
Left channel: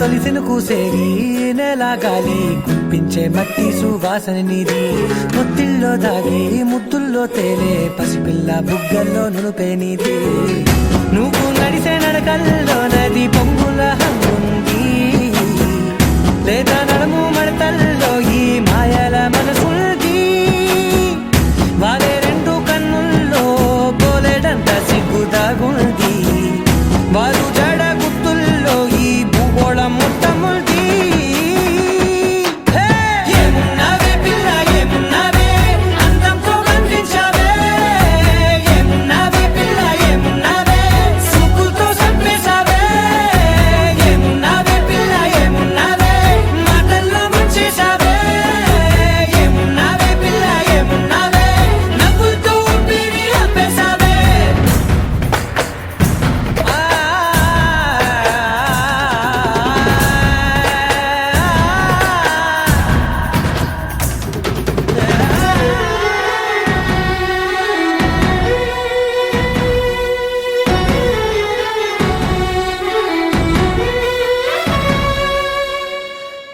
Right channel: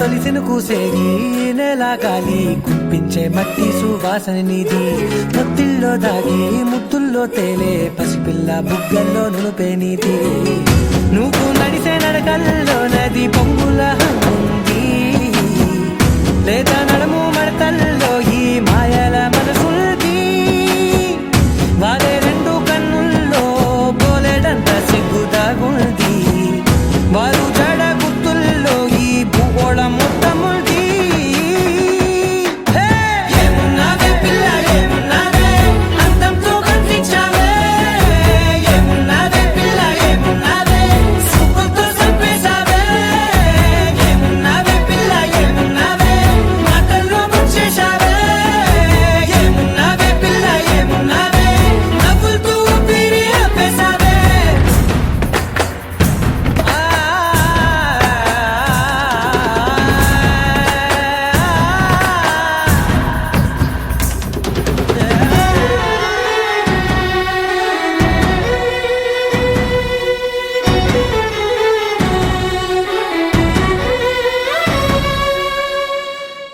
తొలిసిన కూసేరి నెల గాలి కుప్పించే మట్టి సువాసన నిధి ముత్తిల్లో దాగి ముత్తుల్లో తేలే పసిపిల్ల బుగ్గల్లో నునుపే నీది నువ్వు నడిసే నడకల్లో నది పొంగుల హంగుంది లేదా నడుము మడతల్లో ఈ మాయల మనసుంది వారే రెండు కన్నుల్లో బోలెడంత సిగ్గుదాగుంది వారు జడ గుత్తుల్లో ఈ భూగోళం మొత్తముంది ఏమున్నావే పిల్ల ఏమున్నావే అందంతో కనిపించావే ఏమున్నావే పిల్ల ఏమున్నావే సుక్కుతో చంపేశావే ఏమున్నావే పిల్ల ఏమున్నావే మాటల్లో ముంచేశావే ఏమున్నావే పిల్ల ఏమున్నావే నవ్వులతో ఊపిరి ఆపేశావే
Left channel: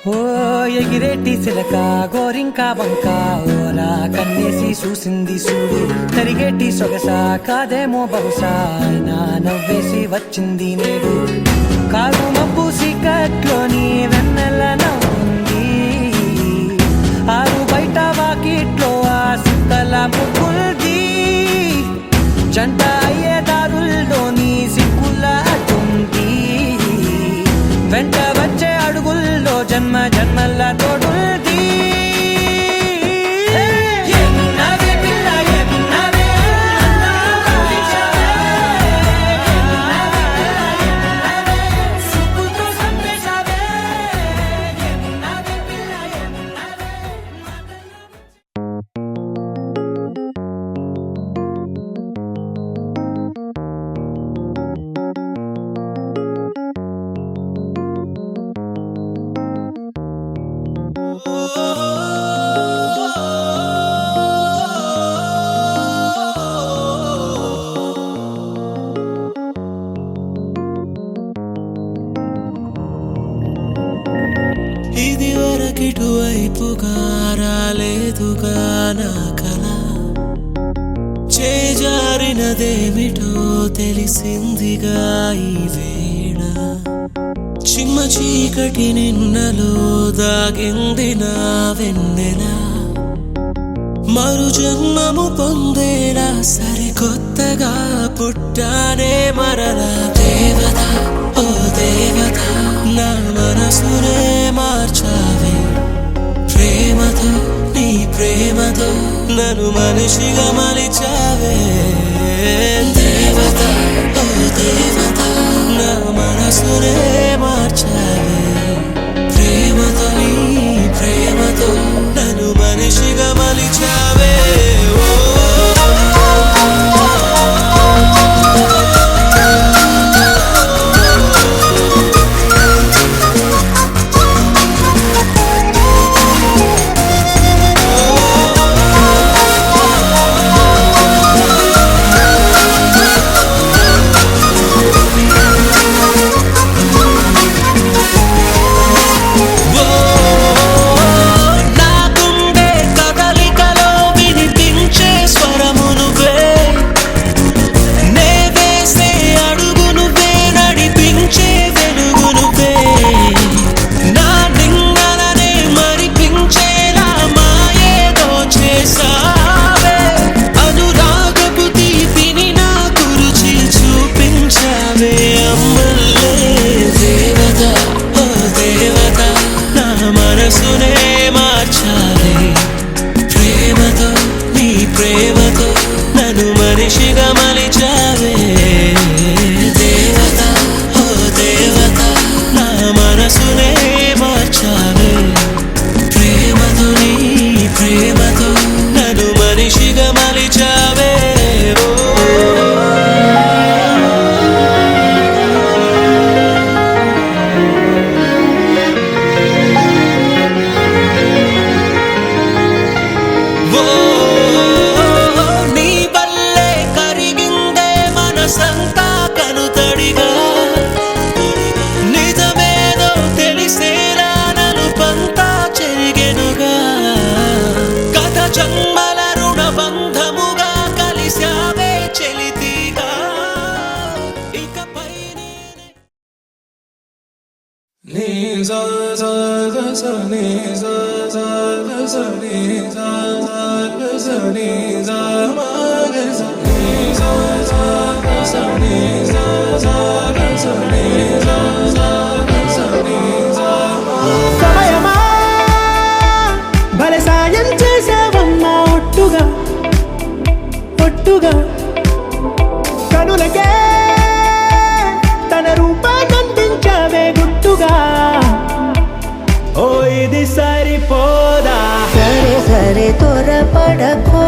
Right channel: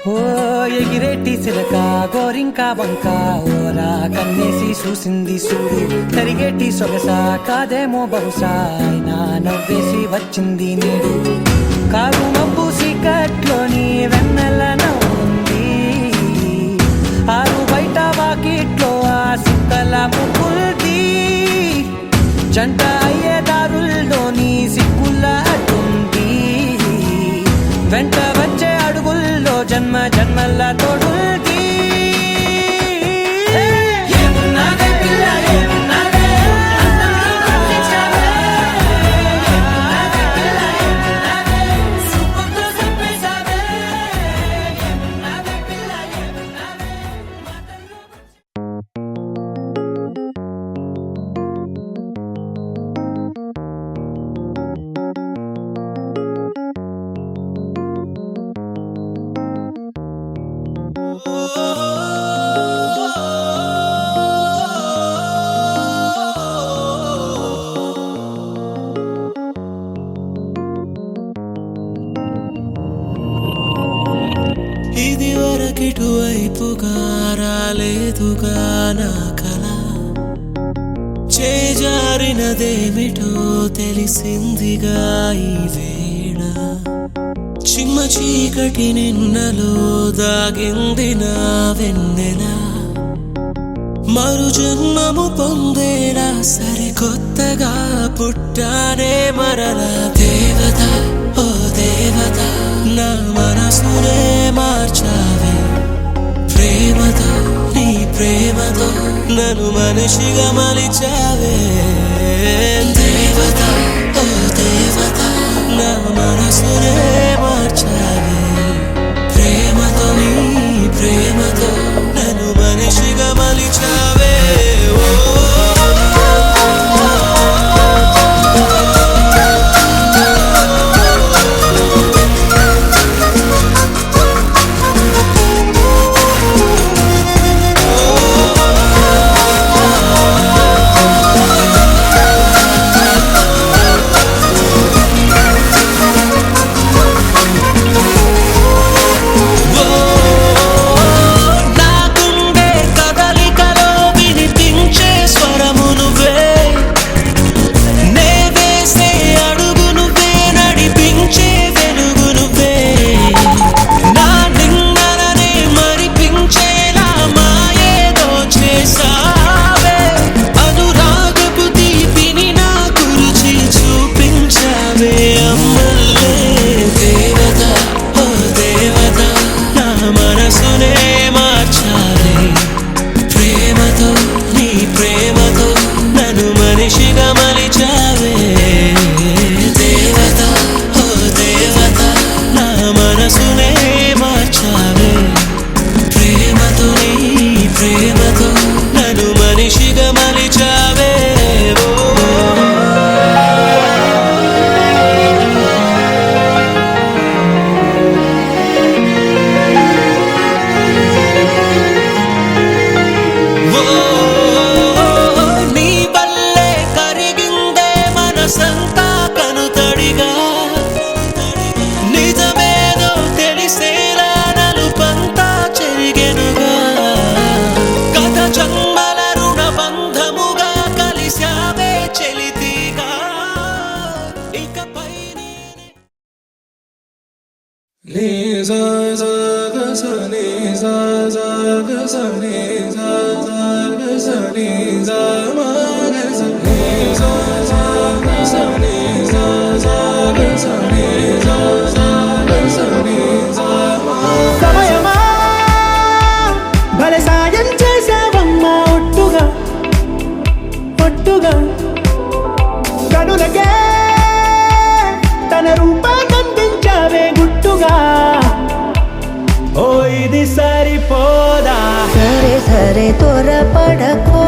ఓ ఎగిరేటి సిలక గోరింక వంక ఓరా కన్నేసి చూసింది చూడు తరిగేటి సొగస కాదేమో బహుశా అయినా నవ్వేసి వచ్చింది నేడు కారు మబ్బు సీకట్లోని వెన్నెల నవ్వుంది ఆరు బయట వాకిట్లో ఆ సుక్కల ముగ్గుల్ది జంట అయ్యే దారుల్లోని సిగ్గుల అడ్డుంది వెంట వచ్చే అడుగుల్లో జన్మ జన్మల తోడుంది ఏమున్నావే పిల్ల ఏమున్నావే సుక్కుతో చంపేశావే ఏమున్నావే పిల్ల ఏమున్నావే ఇది వరకిటువైపుగా రాలేదుగా నా కల చేజారినదేమిటో తెలిసిందిగా ఈ వేళ చిమ్మ చీకటి నిన్నలో దాగింది నా వెన్నెల మరు జన్మము పొందేలా సరికొత్తగా పుట్టానే మరలా దేవత ఓ దేవత నా మనసునే మార్చావే ప్రేమతో నీ ప్రేమతో నన్ను మనిషిగా మలిచావే దేవత ఓ దేవత నా మనసునే మార్చావే ప్రేమతో నీ ప్రేమతో నన్ను మనిషిగా మలిచావే ఓ నీ సా సా గ స నీ సా సా గ స నీ సా సా గ స నీ సా మా గ స నీ సా సా గ స నీ సా సా గ స నీ సా సా గ స నీ సా మా. సమయమా భలే సాయం చేసావమ్మా ఒట్టుగా ఒట్టుగా కనులకే తన రూపాన్నందించావే గుట్టుగా ఓ ఇది సరిపోదా సరే సరే త్వరపడకో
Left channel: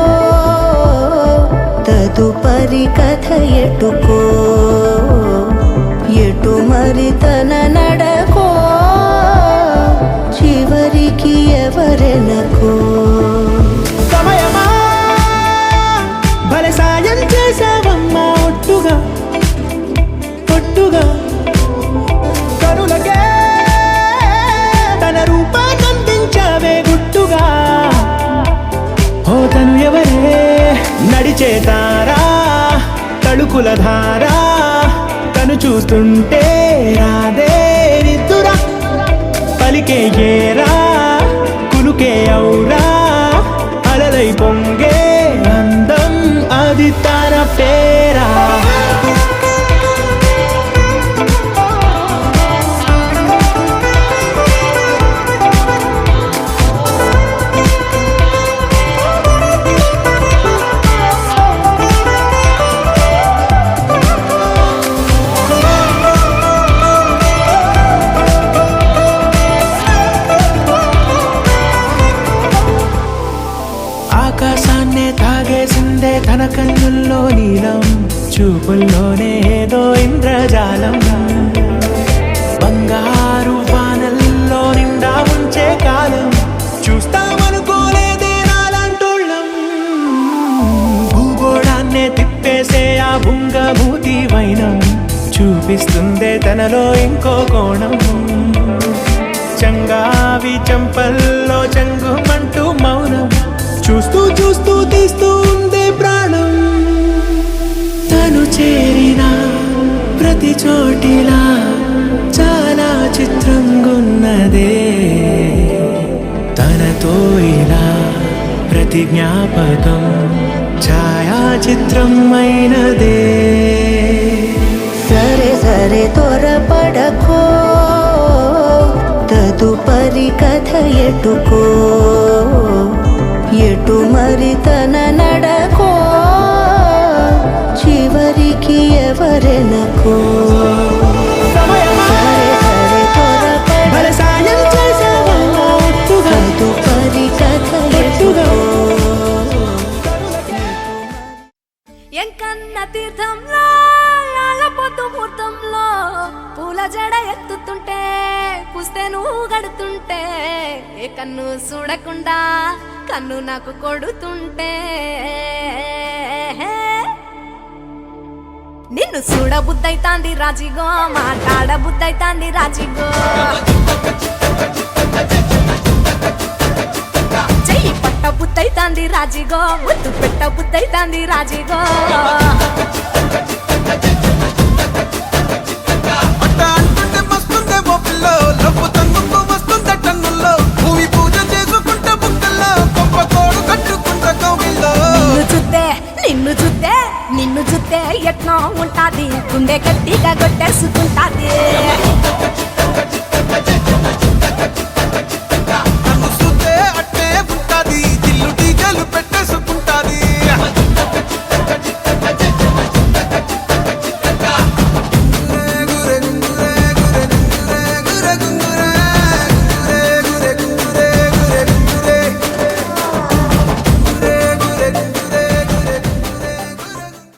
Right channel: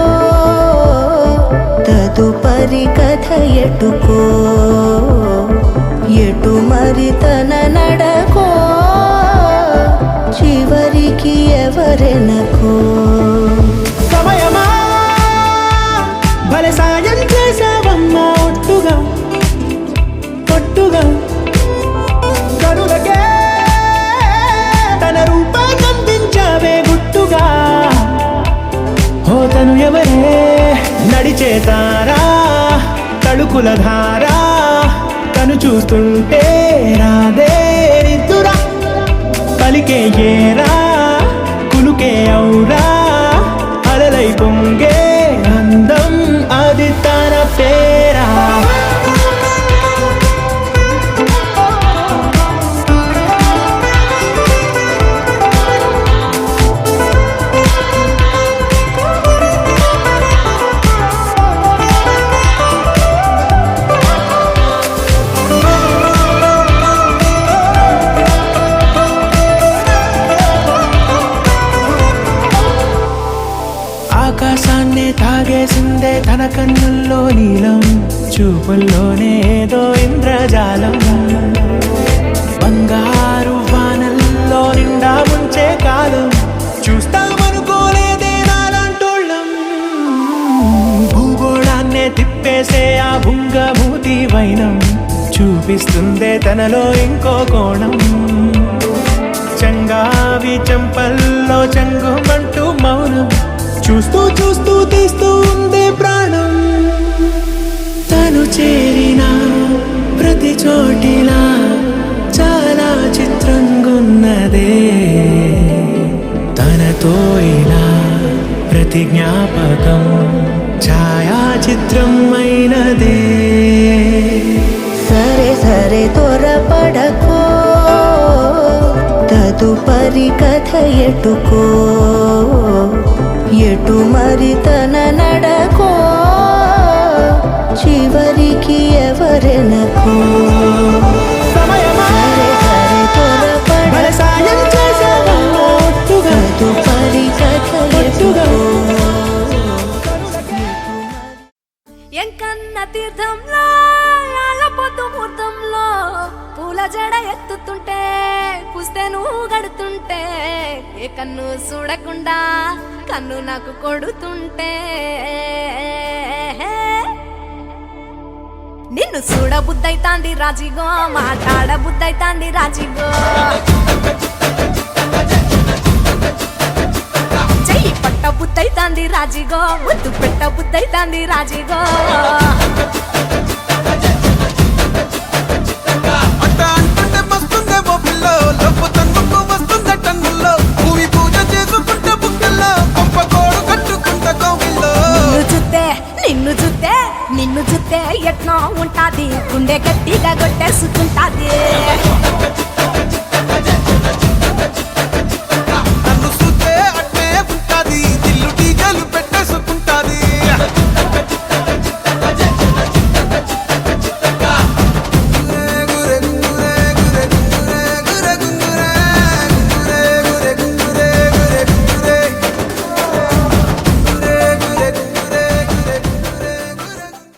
తదుపరి కథ ఎటుకో ఎటు మరి తన నడకో చివరికి ఎవరెనకో సమయమా భలే సాయం చేసావమ్మా ఒట్టుగా ఒట్టుగా కనులకే తన రూపాన్నందించావే గుట్టుగా ఓ తను ఎవరే నడిచే తారా తళుకుల ధారా తను చూస్తుంటే రాదే నిద్దురా పలికే ఏరా కులుకే ఔరా అలలై పొంగే అందం అది తన పేరా ఆకాశాన్నే తాగేసిందే తన కన్నుల్లో నీలం చూపుల్లోనే ఏదో ఇంద్రజాలం బంగారు వానల్లో నిండా ముంచే కాలం చూస్తామనుకోలేదే నాలాంటోళ్ళం భూగోళాన్నే తిప్పేసే ఆ బుంగమూతి వైనం చూపిస్తుందే తనలో ఇంకో కోణం చంగావి చంపల్లో చంగుమంటూ మౌనం చూస్తూ చూస్తూ తీస్తూ ఉందే ప్రాణం తను చేరిన ప్రతి చోటిలా చాలా చిత్రంగున్నదే తనతో ఇలా ప్రతి జ్ఞాపకం ఛాయాచిత్రం అయినదే సరే సరే త్వరపడకో తదుపరి కథ ఎటుకో ఎటు మరి తన నడకో చివరికి ఎవరెనకో సమయమా సరే సరే భలే సాయం చేసావమ్మా ఒట్టుగా తదుపరి కథ ఒట్టుగా ఎటుకో ఎంకన్న తీర్థంలో పొద్దు ముహూర్తంలో పూల జడ ఎత్తుతుంటే పుస్తే నువ్వు గడుతుంటే ఏ కన్ను చూడకుండా కన్ను నాకు కొడుతుంటే నిన్ను చూడ బుద్ధైతాంది రాజిగో మాట్లాడ బుద్ధైతాంది రాజిగో చెయ్యి పట్ట బుద్ధైతాంది రాజిగో ముద్దు పెట్ట బుద్ధైతాంది రాజిగో అంటుంటే మస్తుందే ఓ పిల్లో లవ్వు తన్నుకు వస్తుందే టన్నుల్లో భూమి పూజ చేసుకుంటే బుక్కల్లో గొప్ప కోడు కట్టుకుంటే కోవిల్లో నిన్ను చూస్తే ఎట్లా ఉంటాది గుండె గట్టిగా కొట్టేసుకుంటాది